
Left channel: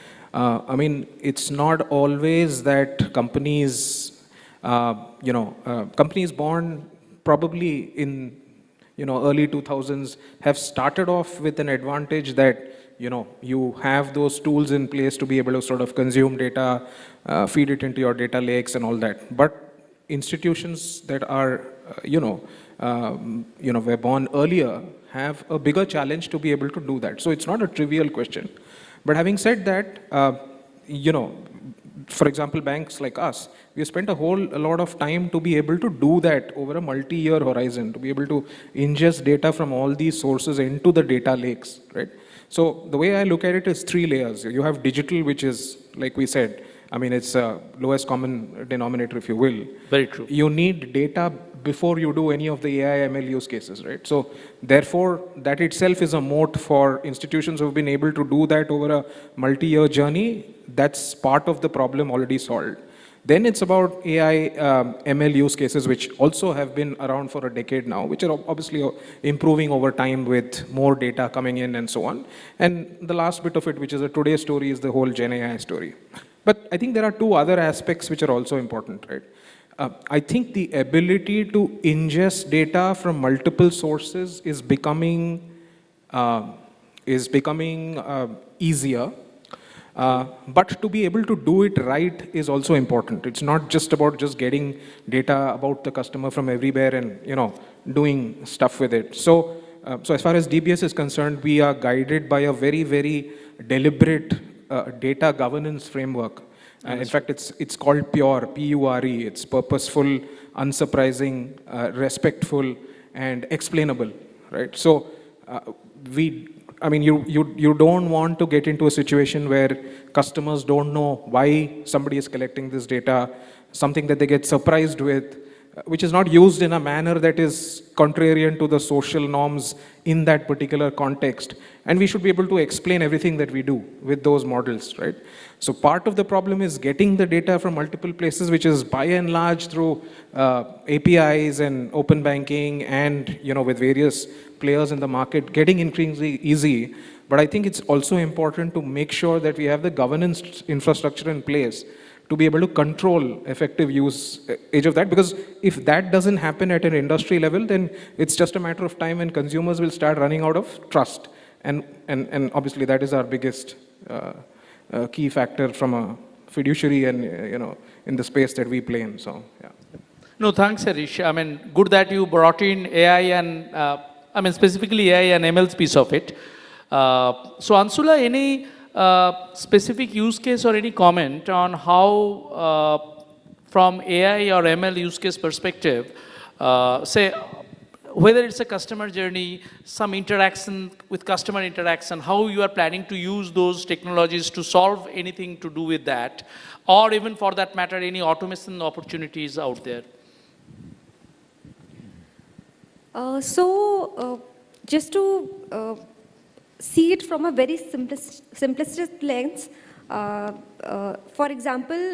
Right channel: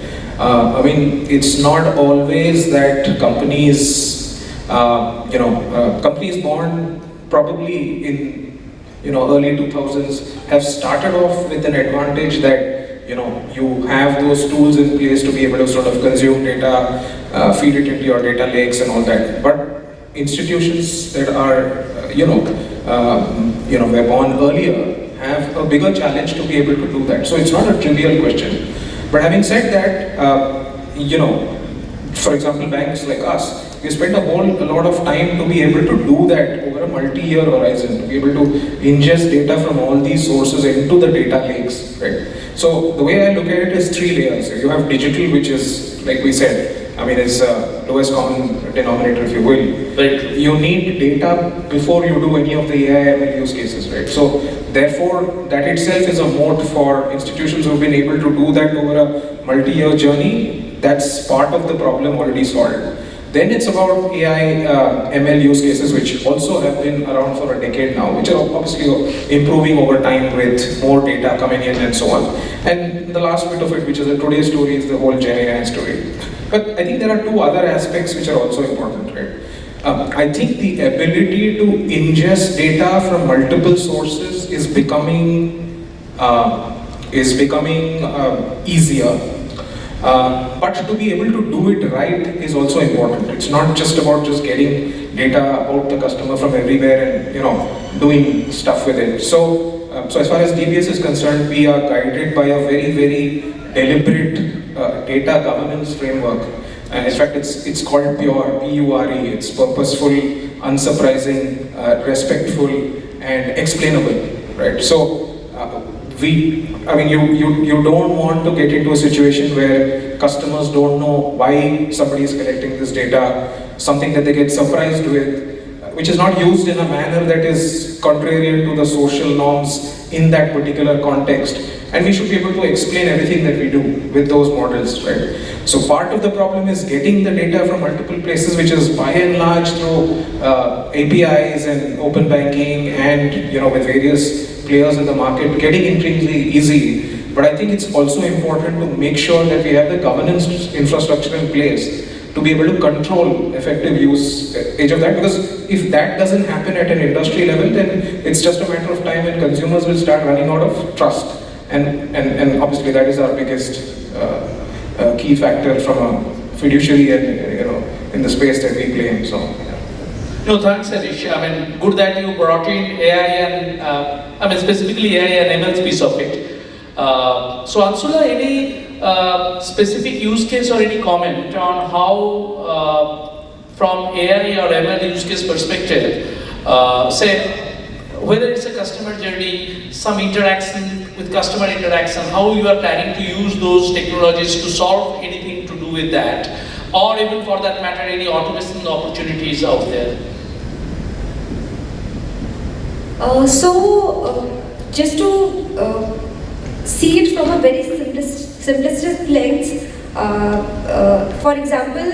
It's not always that companies, companies born probably in, early 2000s have started off with an advantage that, you have those tools in place to be able to sort of consume data, feed it into your data lakes and all that. But institutions that are, were born earlier have a bigger challenge to be able to do that. So it's not a trivial question. But having said that, for example, banks like us, we spend a lot of time to be able to do that over a multi-year horizon, to be able to ingest data from all these sources into the data lakes, right? So the way I look at it is 3 layers. You have digital, which is, like we said, it's lowest common denominator, if you will. But you need data before you do any of the AI use cases, right? So therefore, that itself is a mode for institutions who have been able to do that over a multi-year journey. That's part of the problem already solved. Then it's about AI, ML use cases, which also have been around for a decade now, which are obviously improving over time with more data coming in and so on. And the last bit of it, which is the today's story, is the whole Gen AI story. But I think there are 2 other aspects which are also important, right? I think the ability to ingest data from multiple sources is becoming easier. But to be able to do it right is also important. It's not just about just getting data out to the customer from everywhere and doing stuff with it. So as far as DBS is concerned, we are guided by a very, very deliberate data governance framework. And in fact, it's called PURE, P-U-R-E. It's purposeful, unsurprising, respectful, and explainable. Right? So you don't want to get into a situation where customers don't know why somebody is collecting this data, something that they get surprised with, which is not used in a manner that is contrary to the social norms in that particular context. And we should be able to explain everything that we do with those models, right? So part of the problem is getting the data from multiple places, which is by and large through APIs and open banking and with various players in the market, getting increasingly easy. But I think it's also important to make sure that we have the governance infrastructure in place to be able to control effective use age of that. Because if that doesn't happen at an industry level, then it's just a matter of time when consumers will start running out of trust. And obviously that is our biggest key factor from a fiduciary and in the space that we play in. So. No, thanks, Harish. Good that you brought in AI and, specifically AI and ML piece of it. So, Anshula, any specific use case or any comment on how, from AI or ML use case perspective, say, whether it's a customer journey some interaction with customer interaction, how you are planning to use those technologies to solve anything to do with that, or even for that matter, any automation opportunities out there? Just to see it from a very simplistic lens, for example,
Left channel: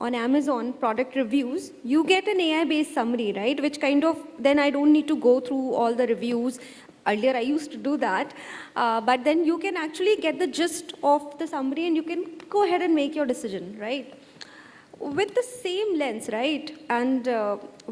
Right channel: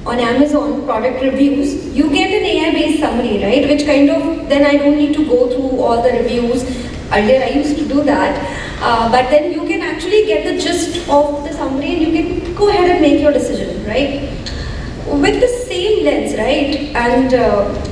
on Amazon product reviews, you get an AI-based summary, right? Which kind of, then I don't need to go through all the reviews. Earlier I used to do that. But then you can actually get the gist of the summary and you can go ahead and make your decision, right? With the same lens, right? And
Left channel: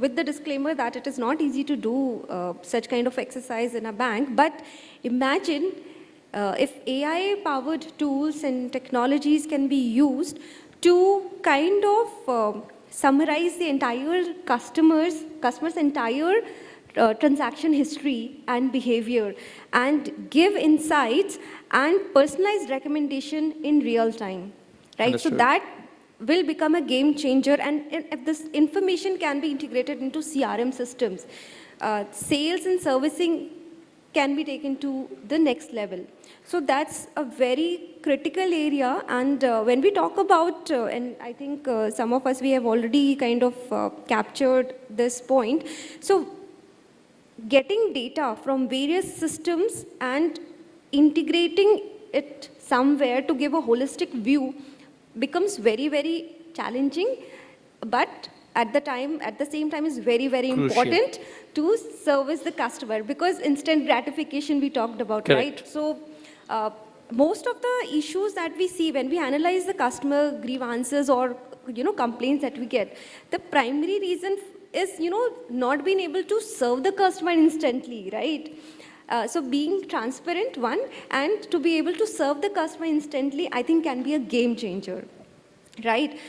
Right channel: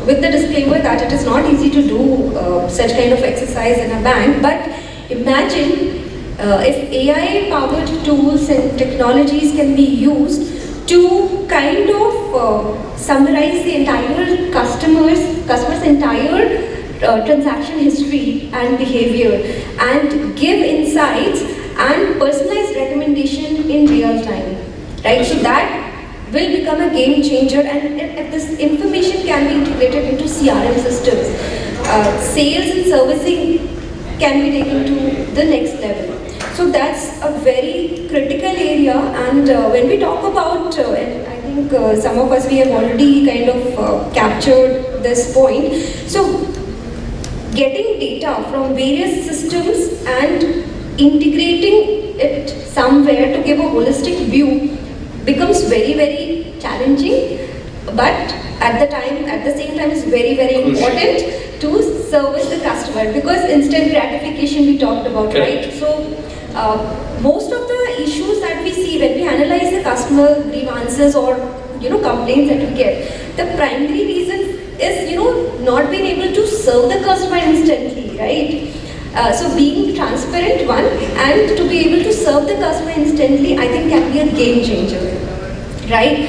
with the disclaimer that it is not easy to do such kind of exercise in a bank, but imagine if AI-powered tools and technologies can be used to kind of summarize the entire customer's entire transaction history and behavior and give insights and personalized recommendation in real time, right? So that will become a game changer, and this information can be integrated into CRM systems. Sales and servicing can be taken to the next level. So that's a very critical area, and when we talk about, and I think some of us we have already kind of captured this point. So getting data from various systems and integrating it somewhere to give a holistic view becomes very, very challenging, but at the same time, it's very, very important to service the customer, because instant gratification we talked about, right? So most of the issues that we see when we analyze the customer grievances or complaints that we get, the primary reason is not being able to serve the customer instantly, right? So being transparent, one, and to be able to serve the customer instantly, I think can be a game changer, right?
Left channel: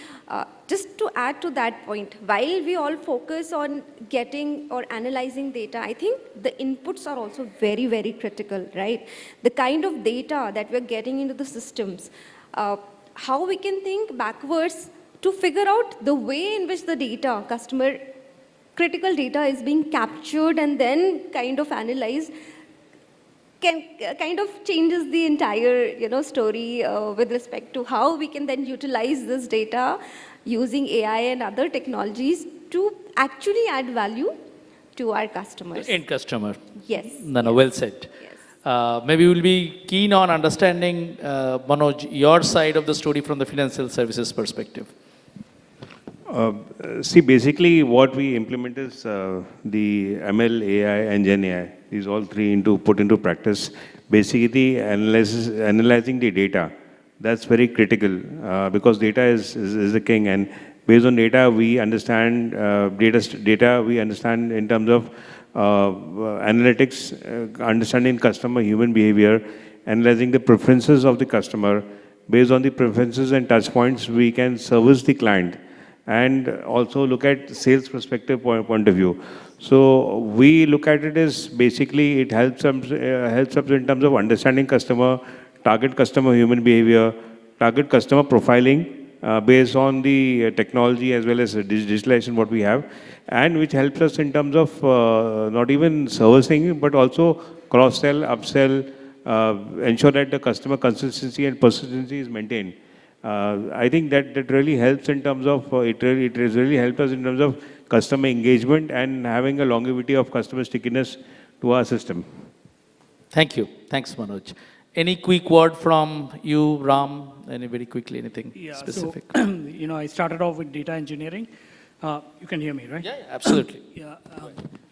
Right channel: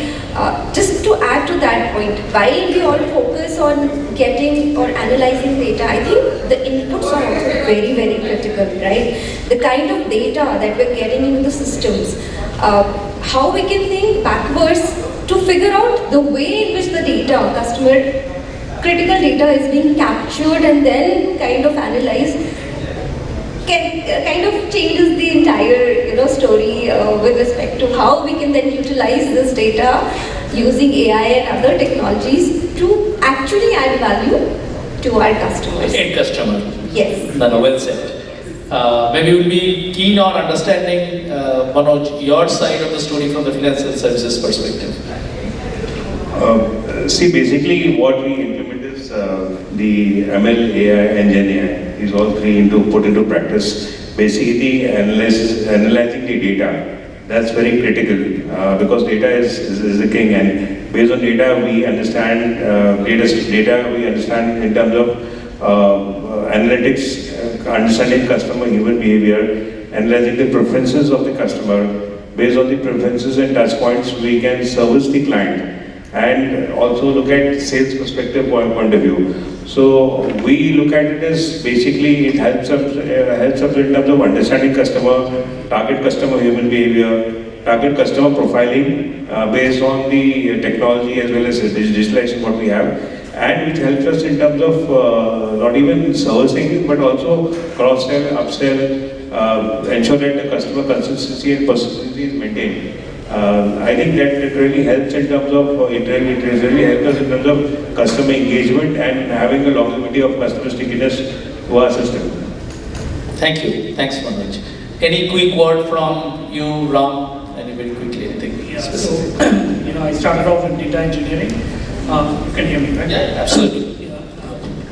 Just to add to that point, while we all focus on getting or analyzing data, I think the inputs are also very, very critical, right? The kind of data that we're getting into the systems, how we can think backwards to figure out the way in which the data, customer critical data is being captured and then kind of analyzed, kind of changes the entire story with respect to how we can then utilize this data using AI and other technologies to actually add value to our customers. Okay, customer. Yes. No, well said. Maybe we'll be keen on understanding, Manoj, your side of the story from the financial services perspective. See, basically what we implement is the ML, AI and AI. These all three into put into practice. Basically analyzing the data. That's very critical because data is the king, and based on data we understand data we understand in terms of analytics, understanding customer human behavior, analyzing the preferences of the customer. Based on the preferences and touch points, we can service the client and also look at sales perspective point of view. So we look at it as basically it helps us in terms of understanding customer, target customer human behavior, target customer profiling based on the technology as well as digitalization what we have, and it helps us in terms of not even servicing but also cross-sell, upsell, ensure that the customer consistency and persistency is maintained. I think that it really helps in terms of it really helps us in terms of customer engagement and having a longevity of customer stickiness to our system. Thank you. Thanks, Manoj. Any quick word from you, Ram? Very quickly, I think. Yeah, so, I started off in data engineering. Can you hear me, right? Yeah, absolutely.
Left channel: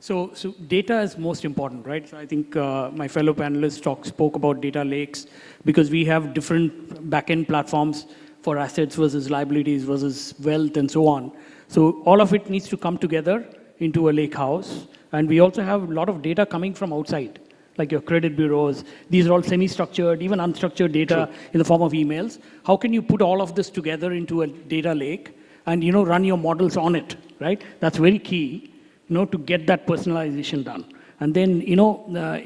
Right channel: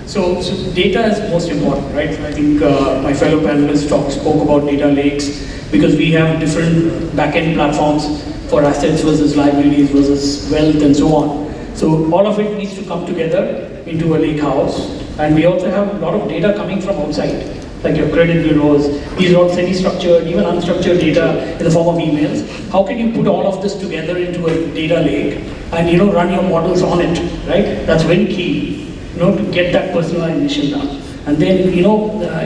So data is most important, right? I think my fellow panelists spoke about data lakes because we have different back-end platforms for assets versus liabilities versus wealth and so on. So all of it needs to come together into a lake house. And we also have a lot of data coming from outside, like your credit bureaus. These are all semi-structured, even unstructured data in the form of emails. How can you put all of this together into a data lake and run your models on it, right? That's very key. To get that personalization up. And then,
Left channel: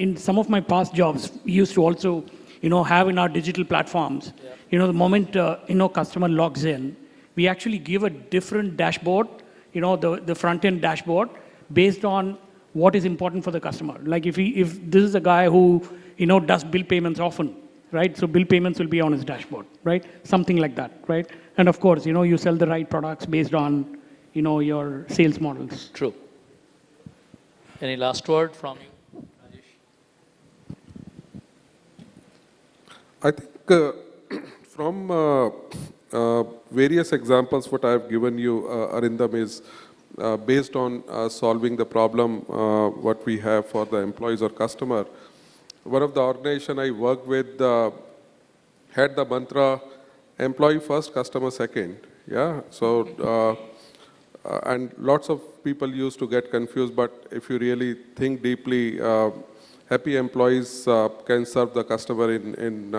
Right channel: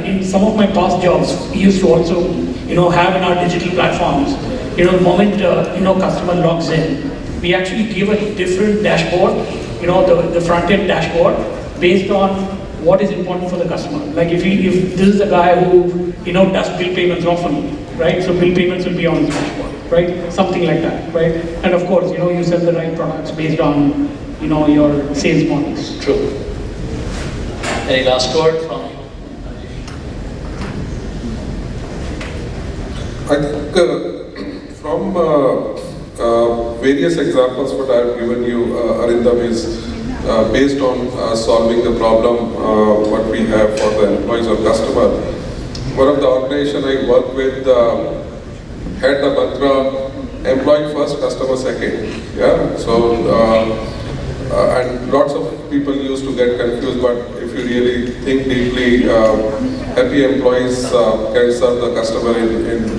in some of my past jobs, we used to also, have our digital platforms. The moment, customer logs in, we actually give a different dashboard, the front-end dashboard, based on what is important for the customer. Like if this is a guy who does bill payments often, right? So bill payments will be on the dashboard, right? Something like that, right? And of course, you sell the right products based on your sales models. True. Any last word from? I think from various examples that I have given you, Arindam, is based on solving the problem what we have for the employees or customer. One of the organizations I work with had a mantra, employee first, customer second. Yeah? So, and lots of people used to get confused, but if you really think deeply, happy employees can serve the customer in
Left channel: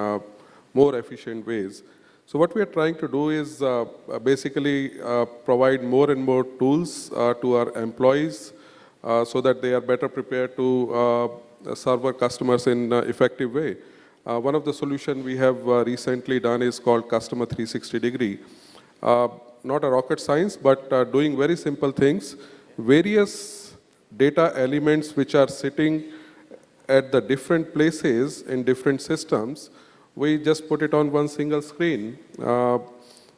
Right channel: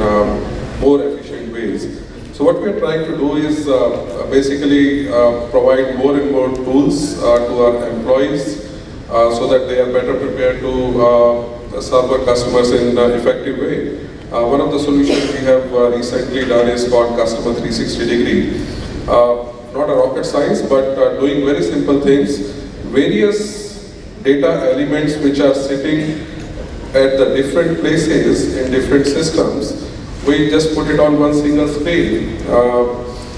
more efficient ways. So what we are trying to do is basically provide more and more tools to our employees so that they are better prepared to serve our customers in an effective way. One of the solutions we have recently done is called Customer 360 Degree. Not rocket science, but doing very simple things. Various data elements which are sitting at the different places in different systems, we just put it on one single screen.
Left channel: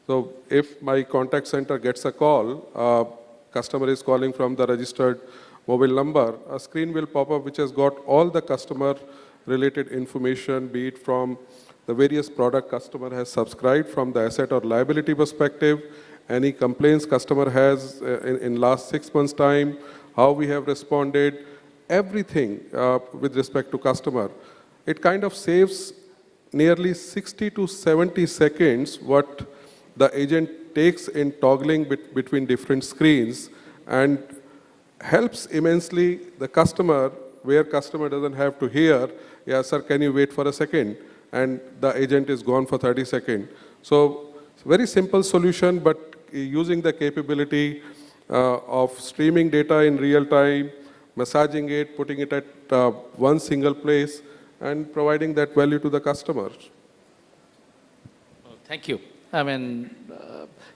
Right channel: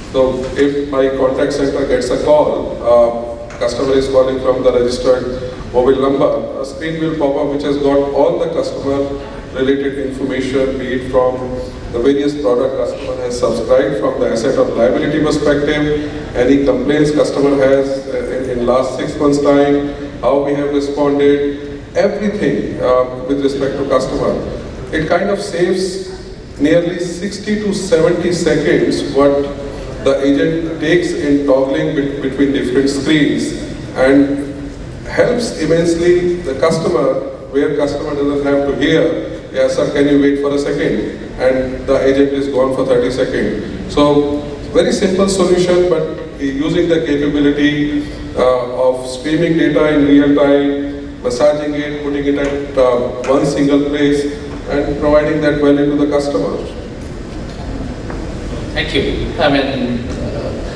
So if my contact center gets a call, customer is calling from the registered mobile number, a screen will pop up which has got all the customer related information, be it from the various product customer has subscribed, from the asset or liability perspective, any complaints customer has in last 6 months' time, how we have responded, everything with respect to customer. It kind of saves nearly 60 to 70 seconds what the agent takes in toggling between different screens and helps immensely the customer, where customer doesn't have to hear, yes sir, can you wait for a second? And the agent is gone for 30 seconds. So, very simple solution, but using the capability of streaming data in real time, massaging it, putting it at one single place, and providing that value to the customer. Thank you.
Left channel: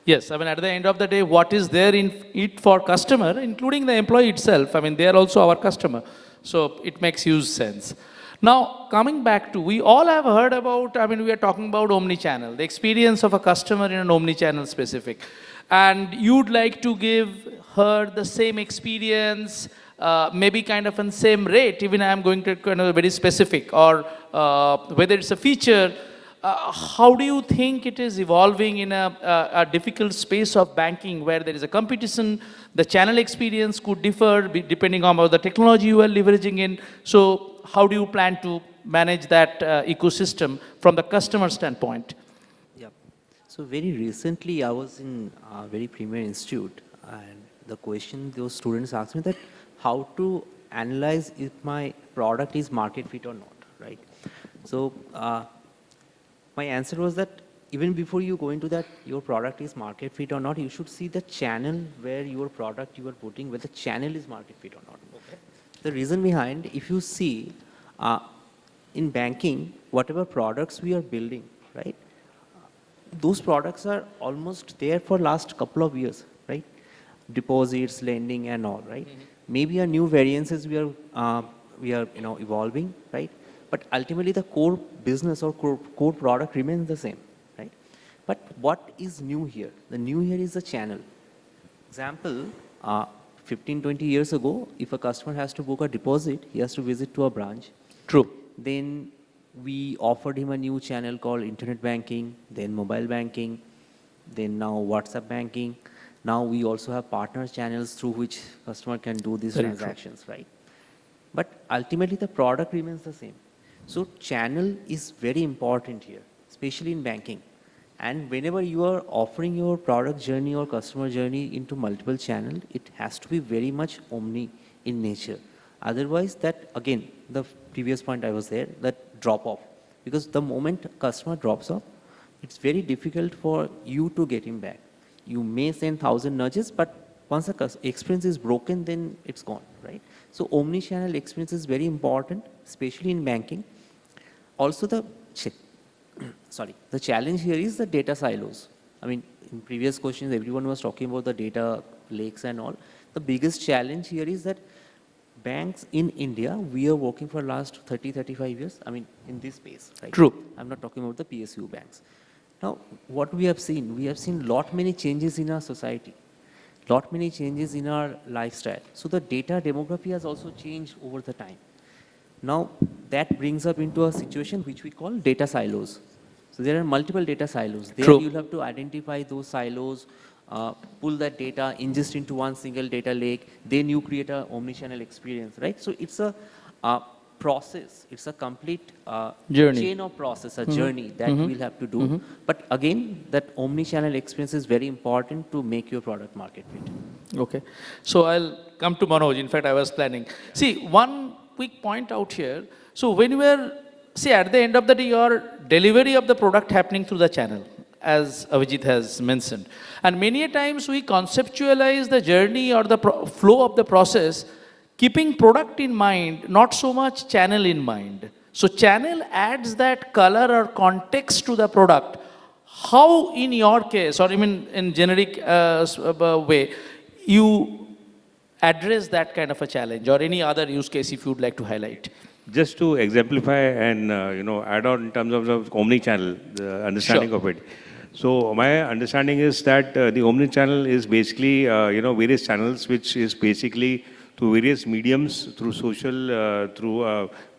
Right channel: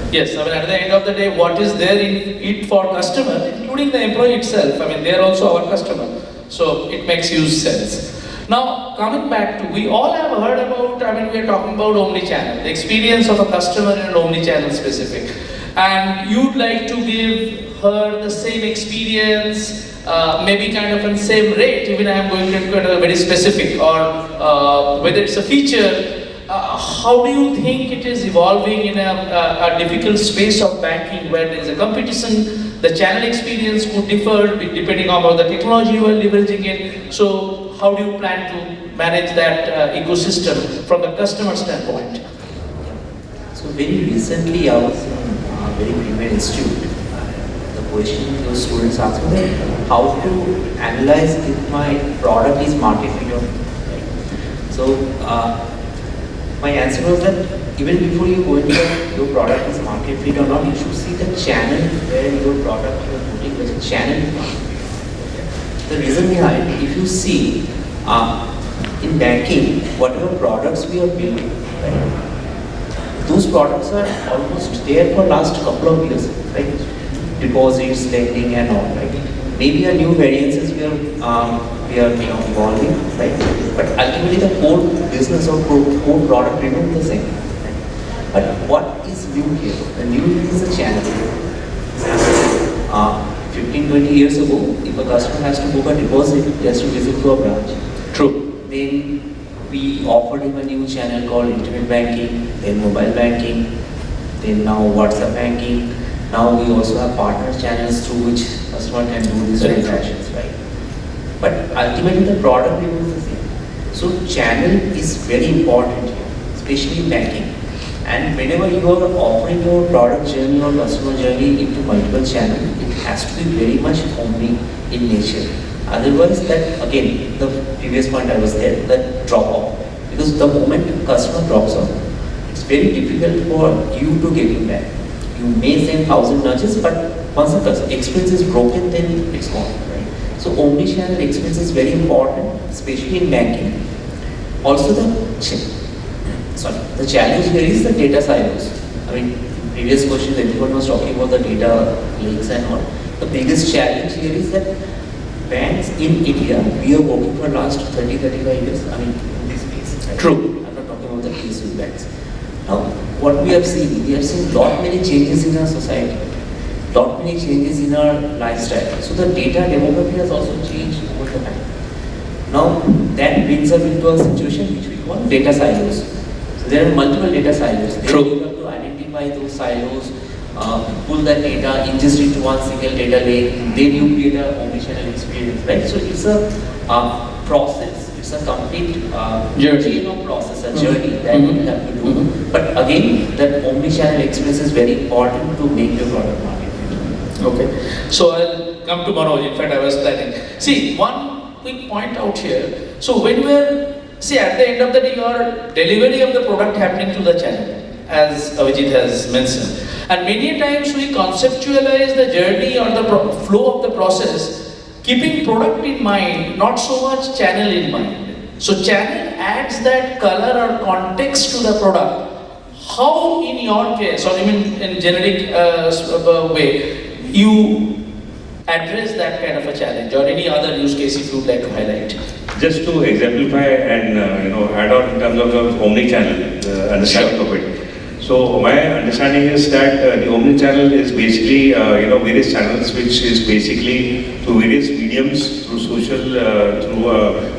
Yes, at the end of the day, what is there in it for customer, including the employee itself, they are also our customer. So it makes huge sense. Now, coming back to, we all have heard about, we are talking about omnichannel, the experience of a customer in omnichannel specific. And you'd like to give her the same experience, maybe kind of in the same rate, even I'm going to be very specific, or whether it's a feature. How do you think it is evolving in a difficult space of banking where there is a competition, the channel experience would differ depending on the technology you are leveraging it. So how do you plan to manage that ecosystem from the customer standpoint? So very recently I was in a very premier institute. The question the students asked me how to analyze if my product is market fit or not. So my answer was that even before you go into your product is market fit or not, you should see the channel where your product you are putting the channel. The reason behind, if you see in banking, whatever products we are building, right, those products are almost there for the last couple of years, right? Deposits, lending, and all, right? Maybe a new variances we are evolving, right? But ultimately the core business or core product remains the same. Right? But what is new here? The new is the channel. 15-20 years ago, if a customer has to book a deposit, he has to visit to a branch. True. Then we offered him a new channel called internet banking, then mobile banking, then now WhatsApp banking. Now we also have partner channels through which customer can do these transactions, right? But ultimately the product remains the same. So channel is very important here, especially in banking. And whenever you are offering your product journey or customer journey into multiple channels, it has to be very much omni in nature. Otherwise, that again, the previous point I was there, that drop off. Because the moment the customer drops off, it's very difficult for you to get him back. You may send 1,000 nudges, but once the experience is broken, then it's gone. Right? So omni-channel experience is very important, especially in banking. Also the challenge here is the data silos. Previous questions everyone was talking about the data lakes and all. The biggest challenge here is that brands in India, we are working for the last 30-35 years. I mean, in this space. True. I'm not talking about the case with brands. Now, what we have seen lot many changes in our society, lot many changes in our lifestyle. So the data demography has also changed over the time. Now, that brings us into a situation which we call data silos. So there are multiple data silos. True. We have to identify those silos, pull that data, ingest it to one single data lake, then you create an omnichannel experience, right? So it's a process. It's a complete process, a journey that you have to do. But again, that omnichannel experience is very important to make your product market. Okay. So I'll come to tomorrow. In fact, I was like, see, one quick point out here. So when we're, see, at the end of the day, your delivery of the product happening to the channel, as Abhijit has mentioned. And many times we conceptualize the journey or the flow of the process, keeping product in mind, not so much channel in mind. So channel adds that color or context to the product. How in your case, or in generic way, you address that kind of a challenge, or any other use case you would like to highlight? Just to exemplify and add on in terms of the omnichannel understanding of it. So my understanding is that the omnichannel is basically various channels which is basically through various mediums, through social, through a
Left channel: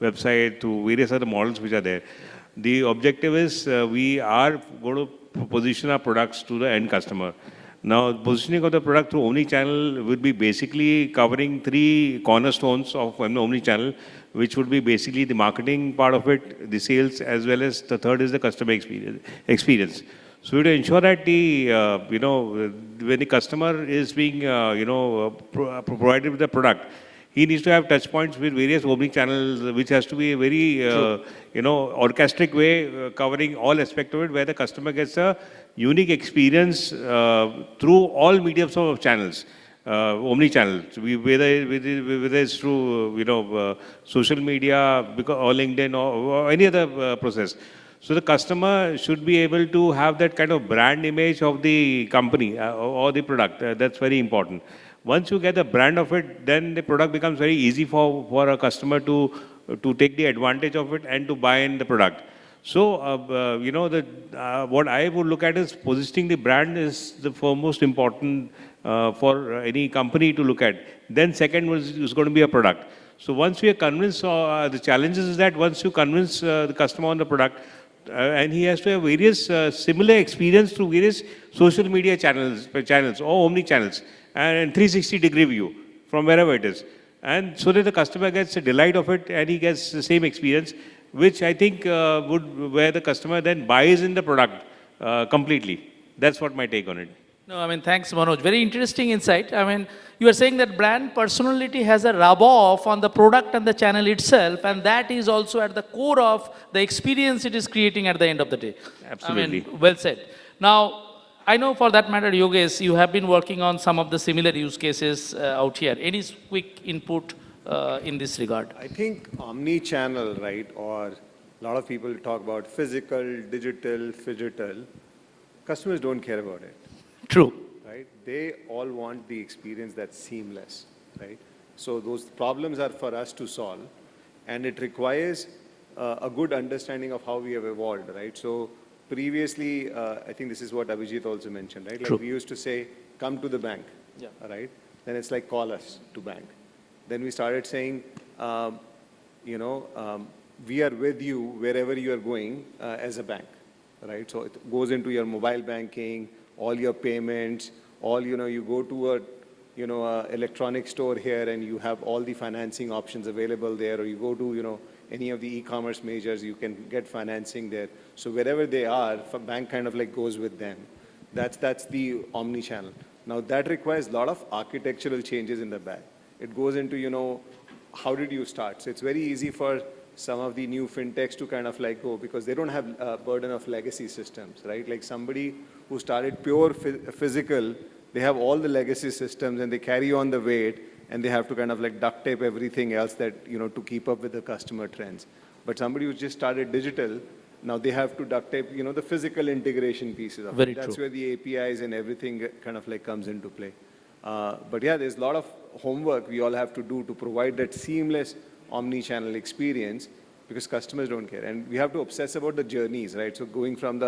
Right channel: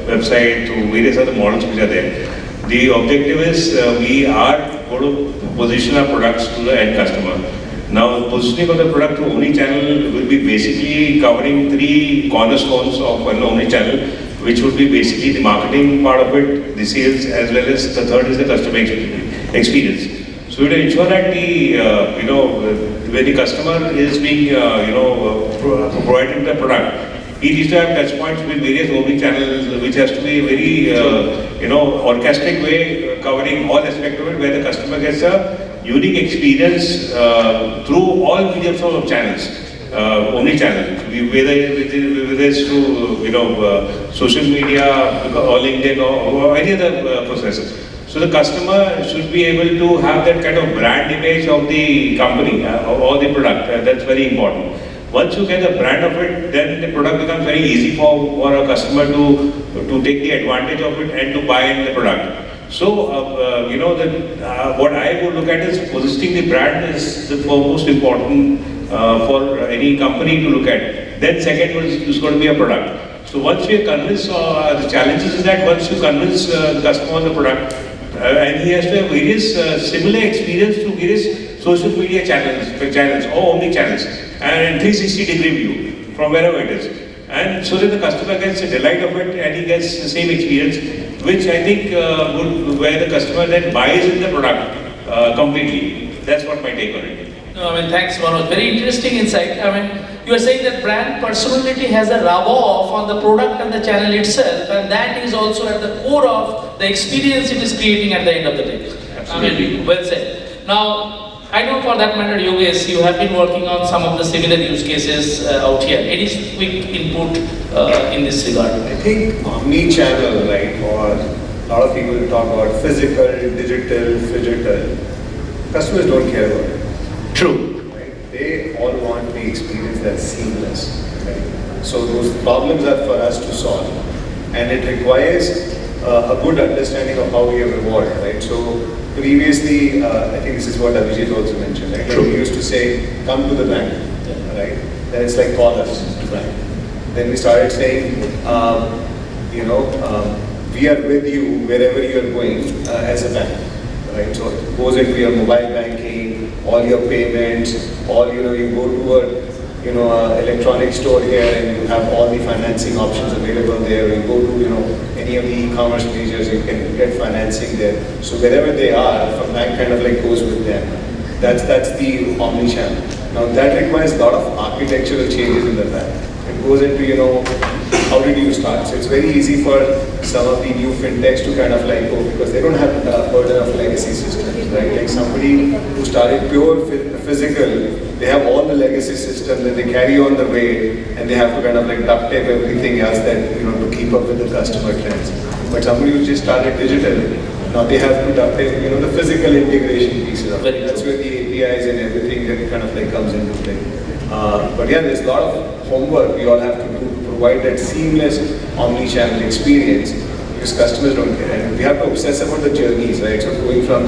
website, through various other models which are there. The objective is we are going to position our products to the end customer. Now, the positioning of the product to omnichannel will be basically covering three cornerstones of the omnichannel, which would be basically the marketing part of it, the sales, as well as the third is the customer experience. So we will ensure that where the customer is being provided the product, each have touch points with various omnichannels, which has to be a very orchestrated way covering all aspects of it, where the customer gets a unique experience through all mediums of channels, omnichannel, whether it's through social media or LinkedIn or any other processes. So the customer should be able to have that kind of brand image of the company, of all the product. That's very important. Once you get the brand of it, then the product becomes very easy for a customer to take the advantage of it and to buy in the product. So, what I would look at is positioning the brand is the most important for any company to look at. Then second is going to be a product. So once you convince, the challenge is that once you convince the customer of the product, and he has to have various similar experience to various social media channels or omni channels, and 360-degree view from wherever it is. And so that the customer gets the delight of it and he gets the same experience, which I think where the customer then buys in the product completely. That's what my take on it. Thanks for very interesting insight. You are saying that brand personality has a rub-off on the product and the channel itself, and that is also at the core of the experience it is creating at the end of the day. Absolutely. Well said. Now, I know for that matter, Yogesh, you have been working on some of the similar use cases out here. Any quick input in this regard? I think omni-channel, right, or a lot of people talk about physical, digital. Customers don't care about it. True. Right? They all want the experience that's seamless. Right? So those problems are for us to solve. And it requires a good understanding of how we have evolved, right? So previously, I think this is what Abhijit also mentioned, right? True. We used to say, come to the bank, right? Then it's like, call us. Right? Then we started saying, we are with you wherever you are going as a bank, right? So it goes into your mobile banking, all your payments, you go to a electronic store here and you have all the financing options available there. You go to any of the e-commerce majors, you can get financing there. So wherever they are, the bank kind of like goes with them. That's the omni-channel. Now that requires a lot of architectural changes in the bank. It goes into how did you start? So it's very easy for some of the new fintechs to kind of like go because they don't have the burden of legacy systems, right? Like somebody who started pure physical, they have all the legacy systems and they carry on the way and they have to kind of like duct tape everything else that to keep up with the customer trends. But somebody who just started digital, now they have to duct tape the physical integration pieces of it. That's where the APIs and everything that kind of like comes into play. But yeah, there's a lot of homework you all have to do to provide that seamless omni-channel experience, because customers don't care. And we have to obsess about the journeys, right? So going from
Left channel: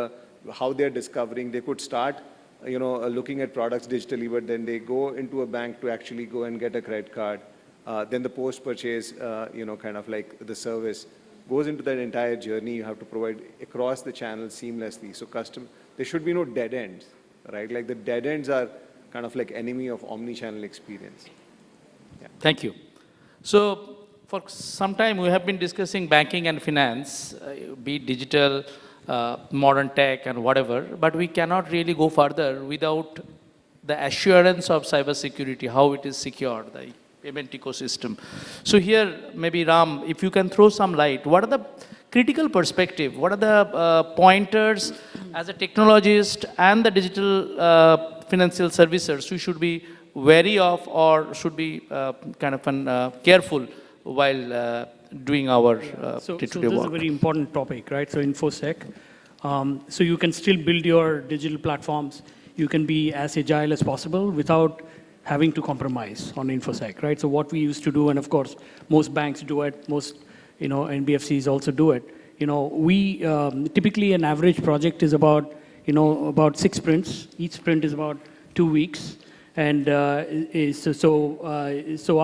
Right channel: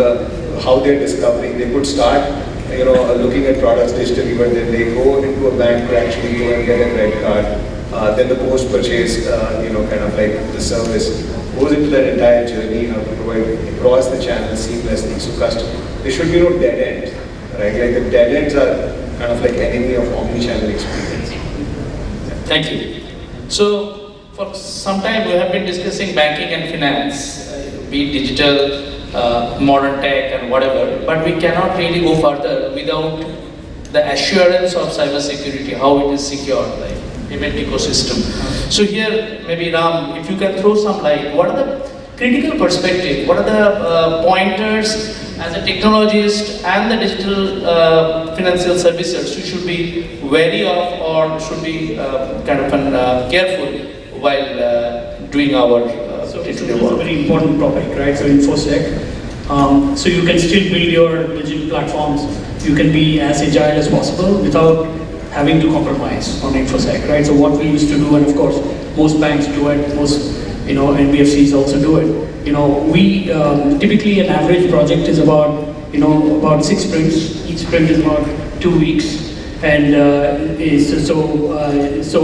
how they're discovering, they could start, looking at products digitally, but then they go into a bank to actually go and get a credit card. Then the post-purchase, kind of like the service goes into that entire journey, how to provide across the channel seamlessly. So there should be no dead end, right? Like the dead ends are kind of like enemy of omni-channel experience. Thank you. So, for some time we have been discussing banking and finance, be it digital, modern tech and whatever, but we cannot really go further without the assurance of cyber security, how it is secure, like payment ecosystem. So here, maybe Ram, if you can throw some light, what are the critical perspective, what are the pointers as a technologist and the digital financial services who should be wary of or should be kind of careful while doing our digital work? It's a very important topic, right? So InfoSec. So you can still build your digital platforms. You can be as agile as possible without having to compromise on InfoSec, right? So what we used to do, and of course most banks do it, most NBFCs also do it. We typically an average project is about 6 sprints. Each sprint is about 2 weeks, and so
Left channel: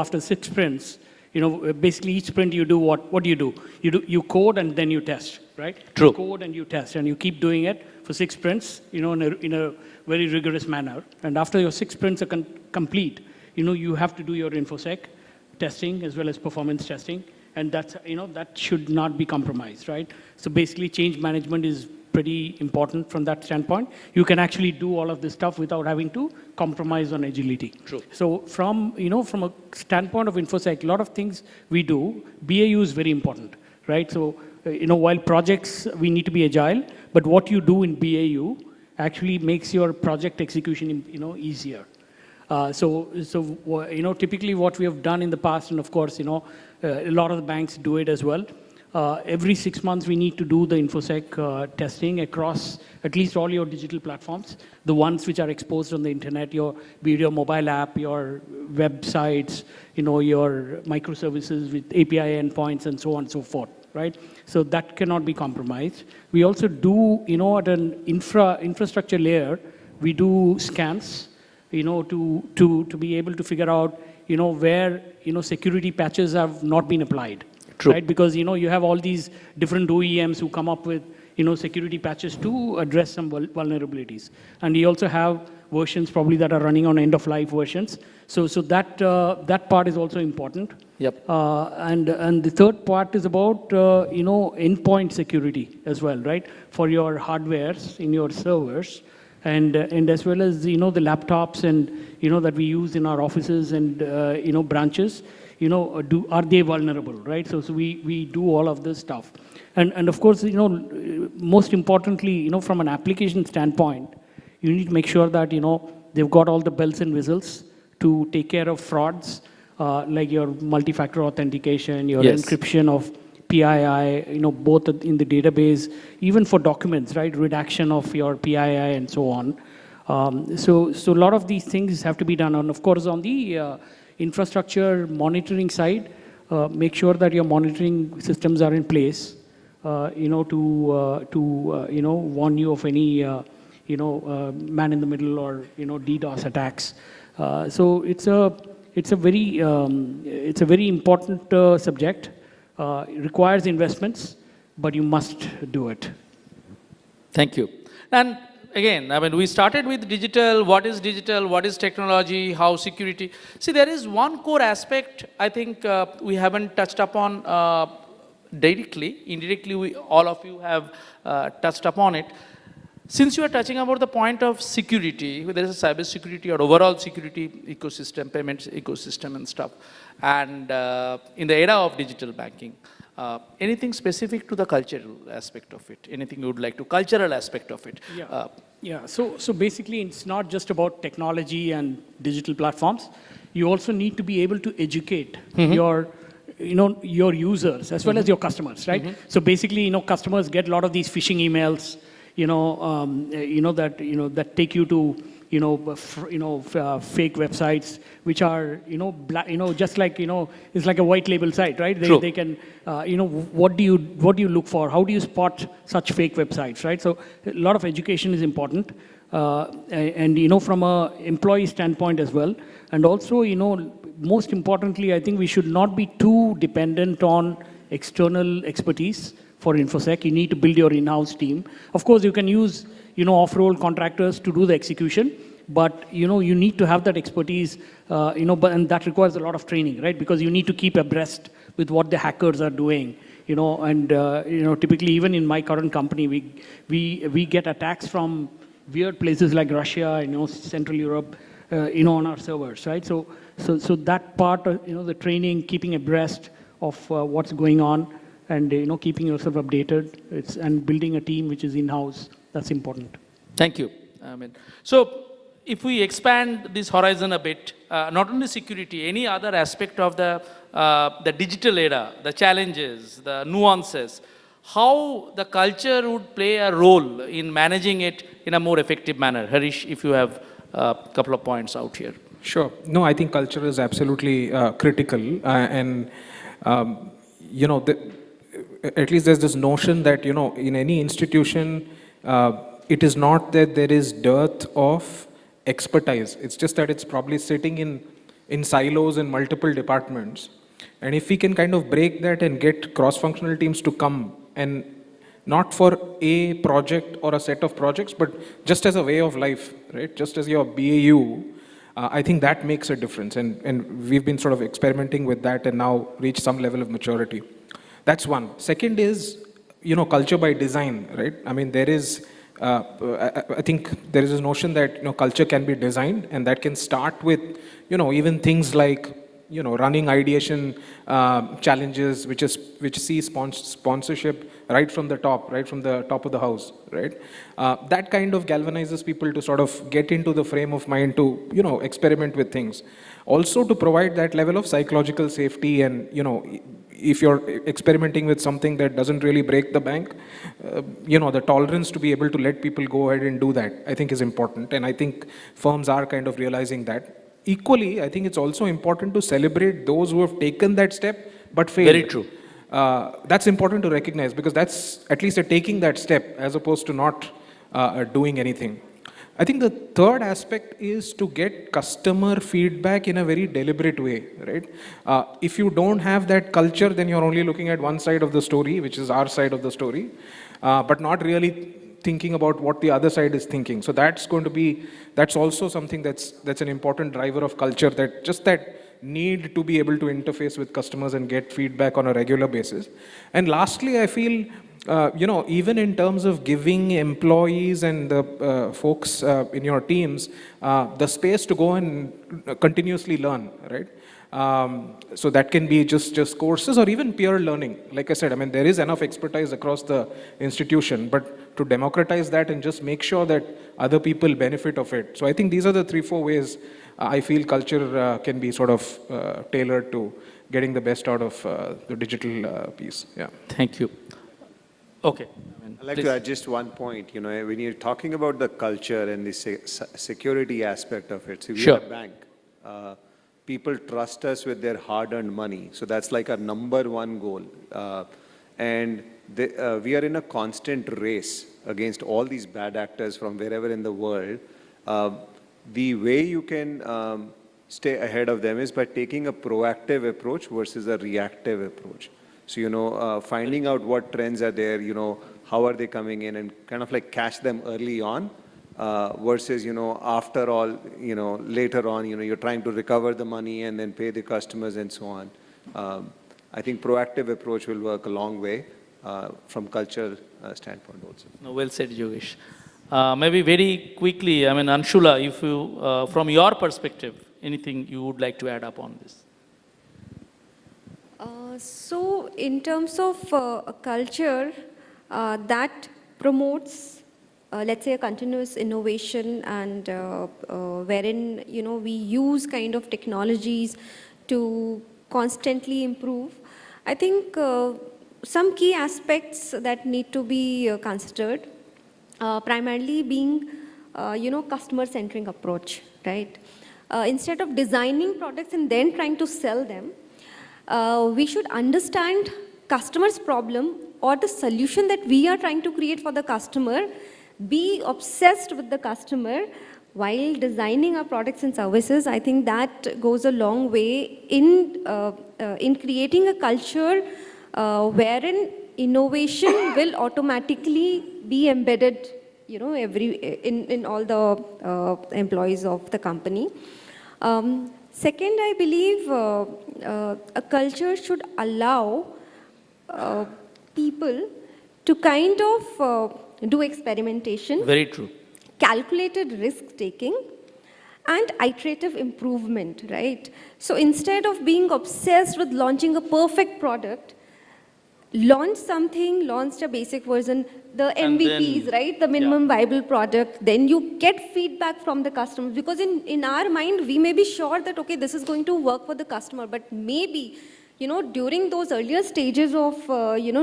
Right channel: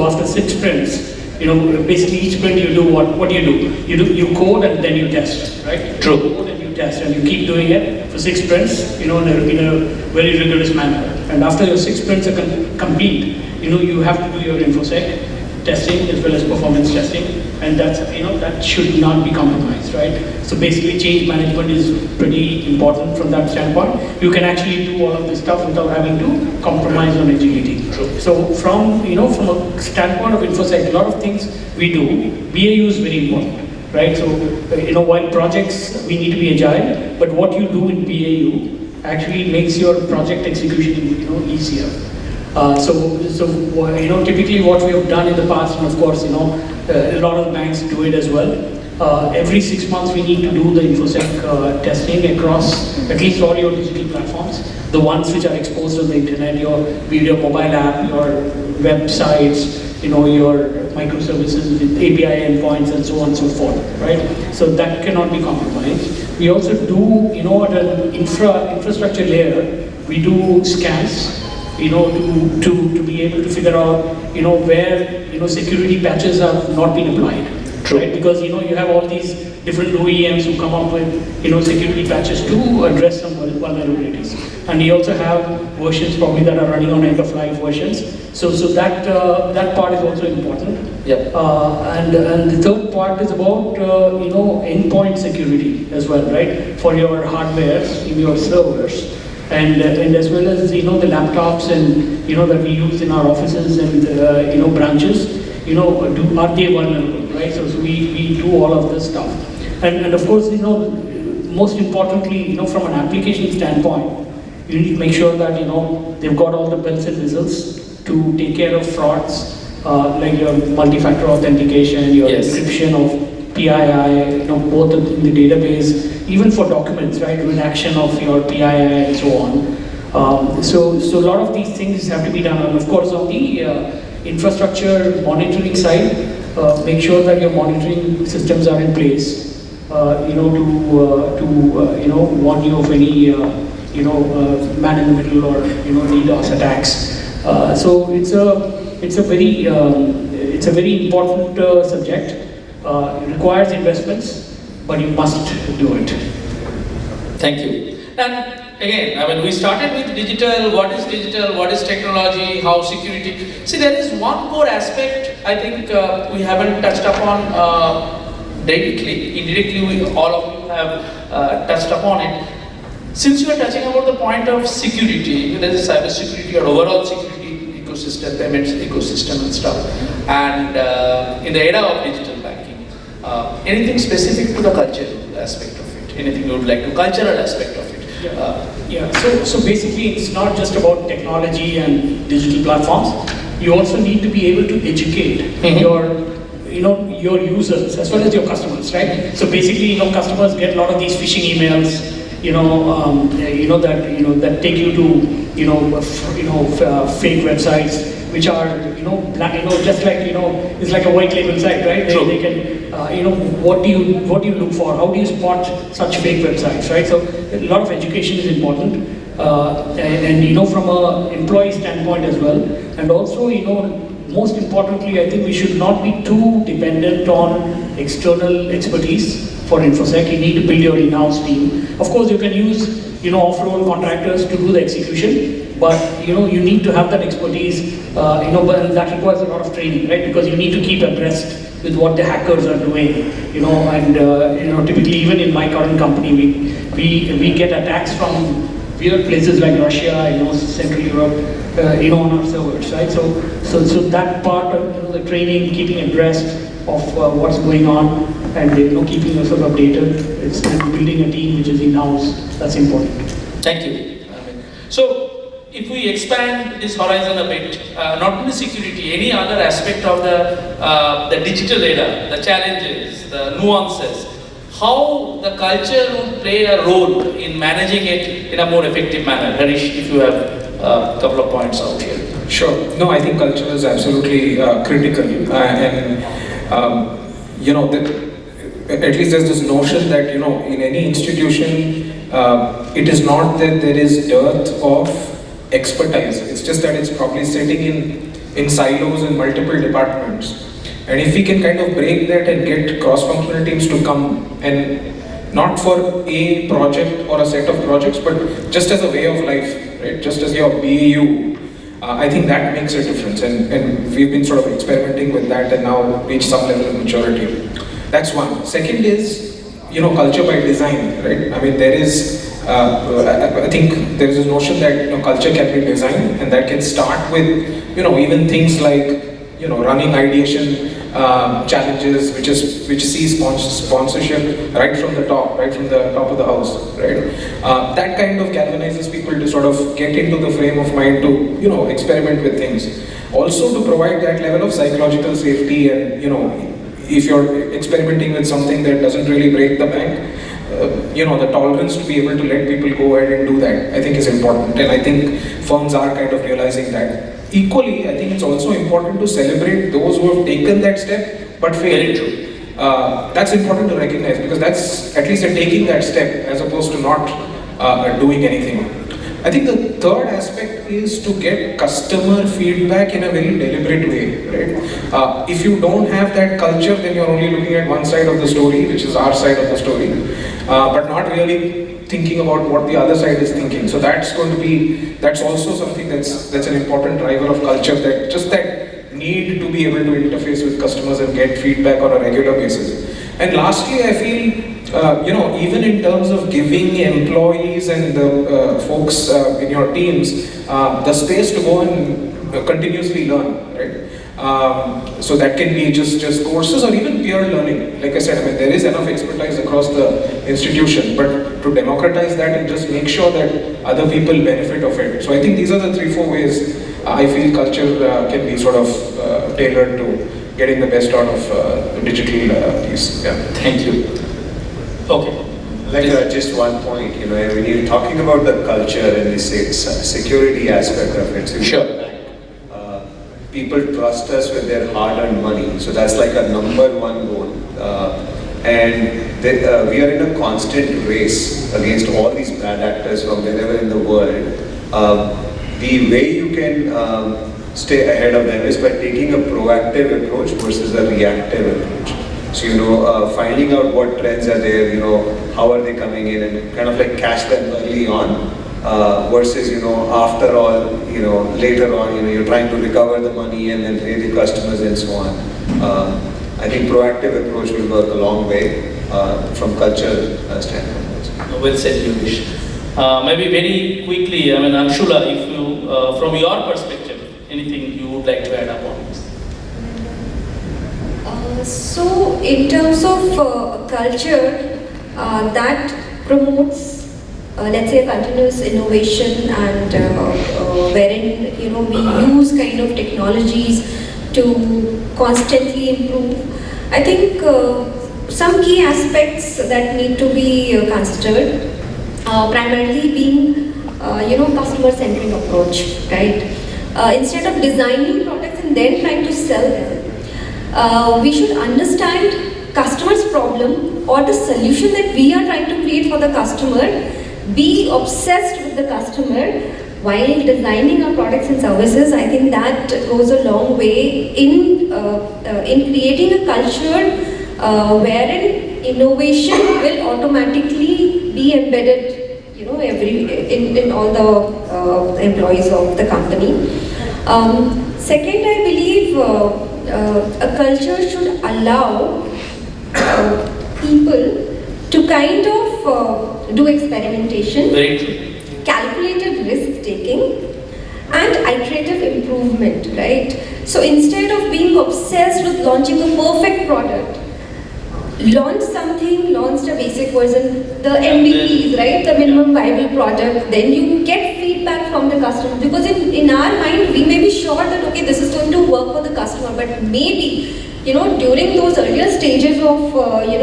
after 6 sprints, basically each sprint you do what do? You code and then you test, right? True. You code and you test, and you keep doing it for 6 sprints, in a very rigorous manner. And after your 6 sprints are complete, you have to do your InfoSec testing as well as performance testing, and that should not be compromised, right? So basically, change management is pretty important from that standpoint. You can actually do all of this stuff without having to compromise on agility. So from a standpoint of InfoSec, a lot of things we do, BAU is very important, right? So while projects we need to be agile, but what you do in BAU actually makes your project execution easier. Typically what we have done in the past, and of course, a lot of banks do it as well. Every 6 months we need to do the InfoSec testing across at least all your digital platforms, the ones which are exposed on the internet, your mobile app, your websites, your microservices, API endpoints, and so on and so forth, right? So that cannot be compromised. We also do, the infrastructure layer, we do scans, to be able to figure out, where, security patches have not been applied. True. Right? Because, you have all these different OEMs who come up with, security patches to address some vulnerabilities. And you also have versions probably that are running on end-of-life versions. So that part is also important. Yep. And the third part is about, endpoint security as well, right? For your hardware, your servers. And as well as the laptops and that we use in our offices and branches, are they vulnerable, right? So we do all of this stuff. And of course, most importantly, from an application standpoint, you need to make sure that they've got all the bells and whistles to take care of frauds, like your multi-factor authentication, your encryption of PII, both in the database, even for documents, right, redaction of your PII and so on. So a lot of these things have to be done. And of course, on the infrastructure monitoring side, make sure that your monitoring systems are in place, to warn you of any, man in the middle or DDoS attacks. So it's a very important subject. It requires investments, but you must do it. Thank you. And again, we started with digital, what is technology, how security. See, there is one more aspect I think we haven't touched upon directly. Indirectly, we all of you have touched upon it. Since we are touching about the point of security, whether it's cyber security or overall security ecosystem, payments ecosystem and stuff, and in the era of digital banking, anything specific to the cultural aspect of it? Anything you would like to cultural aspect of it? So basically, it's not just about technology and digital platforms. You also need to be able to educate your users as well as your customers, right? So basically, customers get a lot of these phishing emails, that take you to fake websites which are just like, it's like a white label site, right? True. They can, what do you look for? How do you spot such fake websites, right? So a lot of education is important, and from an employee standpoint as well, and also, most importantly, I think we should not be too dependent on external expertise for InfoSec. You need to build your in-house team. Of course, you can use, off-road contractors to do the execution, but you need to have that expertise. But that requires a lot of training, right? Because you need to keep abreast with what the hackers are doing. And typically, even in my current company, we get attacks from places like Russia, Central Europe, on our servers, right? So that part of the training, keeping abreast of what's going on, and keeping us sort of updated, is building a team which is in-house. That's important. Thank you. So, if we expand this horizon a bit, not only security, any other aspect of the digital era, the challenges, the nuances, how the culture will play a role in managing it in a more effective manner. Harish, if you have a couple of points out here. Sure. No, I think culture is absolutely critical, and at least there's this notion that in any institution, it is not that there is dearth of expertise. It's just that it's probably sitting in silos in multiple departments. And if we can kind of break that and get cross-functional teams to come, and not for a project or a set of projects, but just as a way of life, right? Just as your BAU, I think that makes a difference. And we've been sort of experimenting with that and now reached some level of maturity. That's one. Second is, culture by design, right? I mean, there is, I think there is a notion that culture can be designed, and that can start with, even things like, running ideation challenges, which sees sponsorship right from the top of the house, right? That kind of galvanizes people to sort of get into the frame of mind to, experiment with things. Also to provide that level of psychological safety, and, if you're experimenting with something that doesn't really break the bank, the tolerance to be able to let people go ahead and do that, I think is important. And I think firms are kind of realizing that. Equally, I think it's also important to celebrate those who have taken that step, but failed. That's important to recognize, because that's at least taking that step as opposed to not doing anything. I think the third aspect is to get customer feedback in a very deliberate way, right? If you don't have that culture, then you're only looking at one side of the story, which is our side of the story, but not really thinking about what the other side is thinking. So that's also something that's an important driver of culture, that need to be able to interface with customers and get feedback on a regular basis. And lastly, I feel, even in terms of giving employees and the folks in your teams the space to go and continuously learn, right? So that can be just courses or even peer learning. Like I said, there is enough expertise across the institution, but to democratize that and just make sure that other people benefit of it. So I think these are the 3-4 ways I feel culture can be sort of tailored to getting the best out of the digital piece. Yeah. Thank you. Okay. Just one point, when you're talking about the culture and the security aspect of it, sure. People trust us with their hard-earned money, so that's like a number one goal. And we are in a constant race against all these bad actors from wherever in the world. The way you can stay ahead of them is by taking a proactive approach versus a reactive approach. So, finding out what trends are there, how are they coming in, and kind of like catch them early on, versus, after all, later on, you're trying to recover the money and then pay the customers and so on. I think proactive approach will go a long way from culture standpoint. Well said, Yogesh. Maybe very quickly, Anshula, if you, from your perspective, anything you would like to add upon this? So, in terms of culture, that promotes, let's say, continuous innovation, and wherein we use kind of technologies to constantly improve. I think some key aspects that need to be considered, primarily being, customer-centric approach, right? Instead of designing products in then trying to sell them. We should understand customer's problem or the solution that we are trying to create for the customer, be obsessed with the customer while designing our products and services. I think that goes a long way in creating a culture wherein innovation will automatically be embedded, in all the employees of the company. Second, I believe a culture should allow people to kind of do experimentation, calculated risk taking, and iterative improvement, right? So instead of being obsessed with launching a perfect product, launch something, launch a basic version, the MVP, right? The minimum viable product, then you get feedback from the customer. Because in our mind, we may be sure that, okay, this is going to work for the customer, but maybe, during those earlier stages of,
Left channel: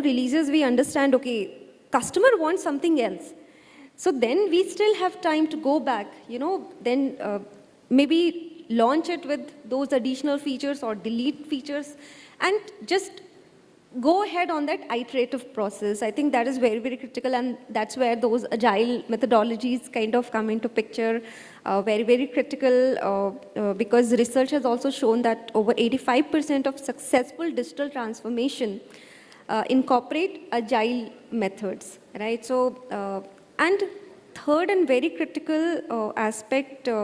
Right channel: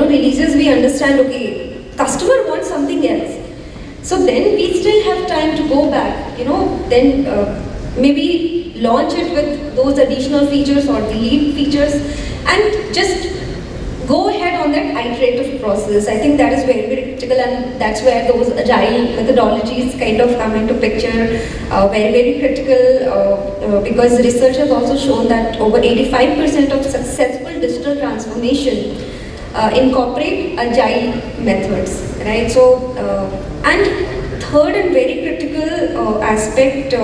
releases, we understand, okay, customer wants something else. So then we still have time to go back, then maybe launch it with those additional features or delete features and just go ahead on that iterative process. I think that is very critical, and that's where those agile methodologies kind of come into picture. Very critical because research has also shown that over 85% of successful digital transformation incorporate agile methods, right? So, and third and very critical aspect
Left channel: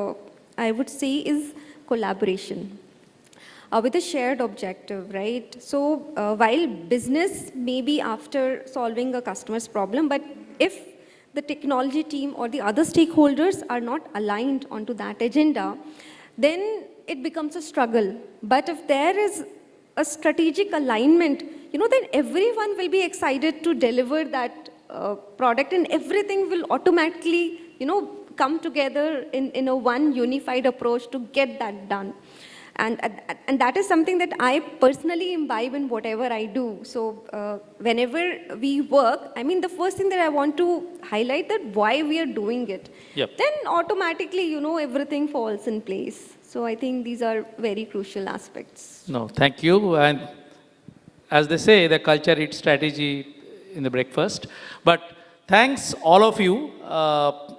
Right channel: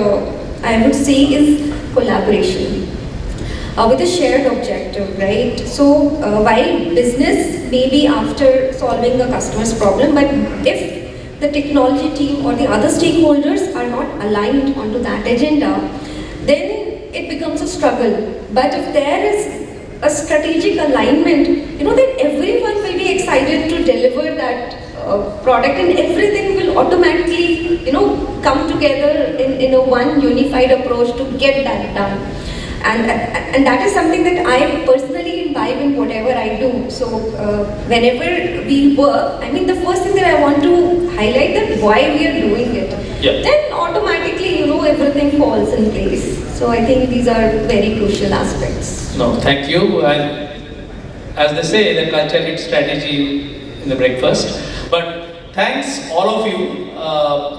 I would say is collaboration. With a shared objective, right? So while business may be after solving the customer's problem, but if the technology team or the other stakeholders are not aligned onto that agenda, then it becomes a struggle. But if there is a strategic alignment, then everyone will be excited to deliver that product, and everything will automatically, come together in a one unified approach to get that done. And that is something that I personally imbibe in whatever I do. So whenever we work, the first thing that I want to highlight that why we are doing it. Yep. Then automatically, everything falls in place. So I think these are very crucial aspects. No, thank you. And as they say, the culture eats strategy in the breakfast. But thanks all of you.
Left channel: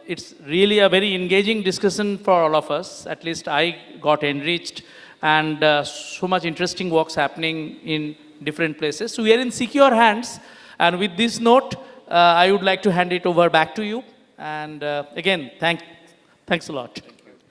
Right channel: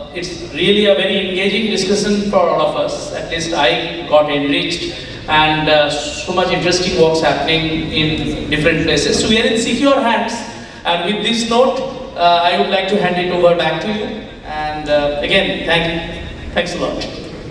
It's really a very engaging discussion for all of us. At least I got enriched. And so much interesting works happening in different places. So here in See Your Hands. And with this note, I would like to hand it over back to you. And again, thanks a lot.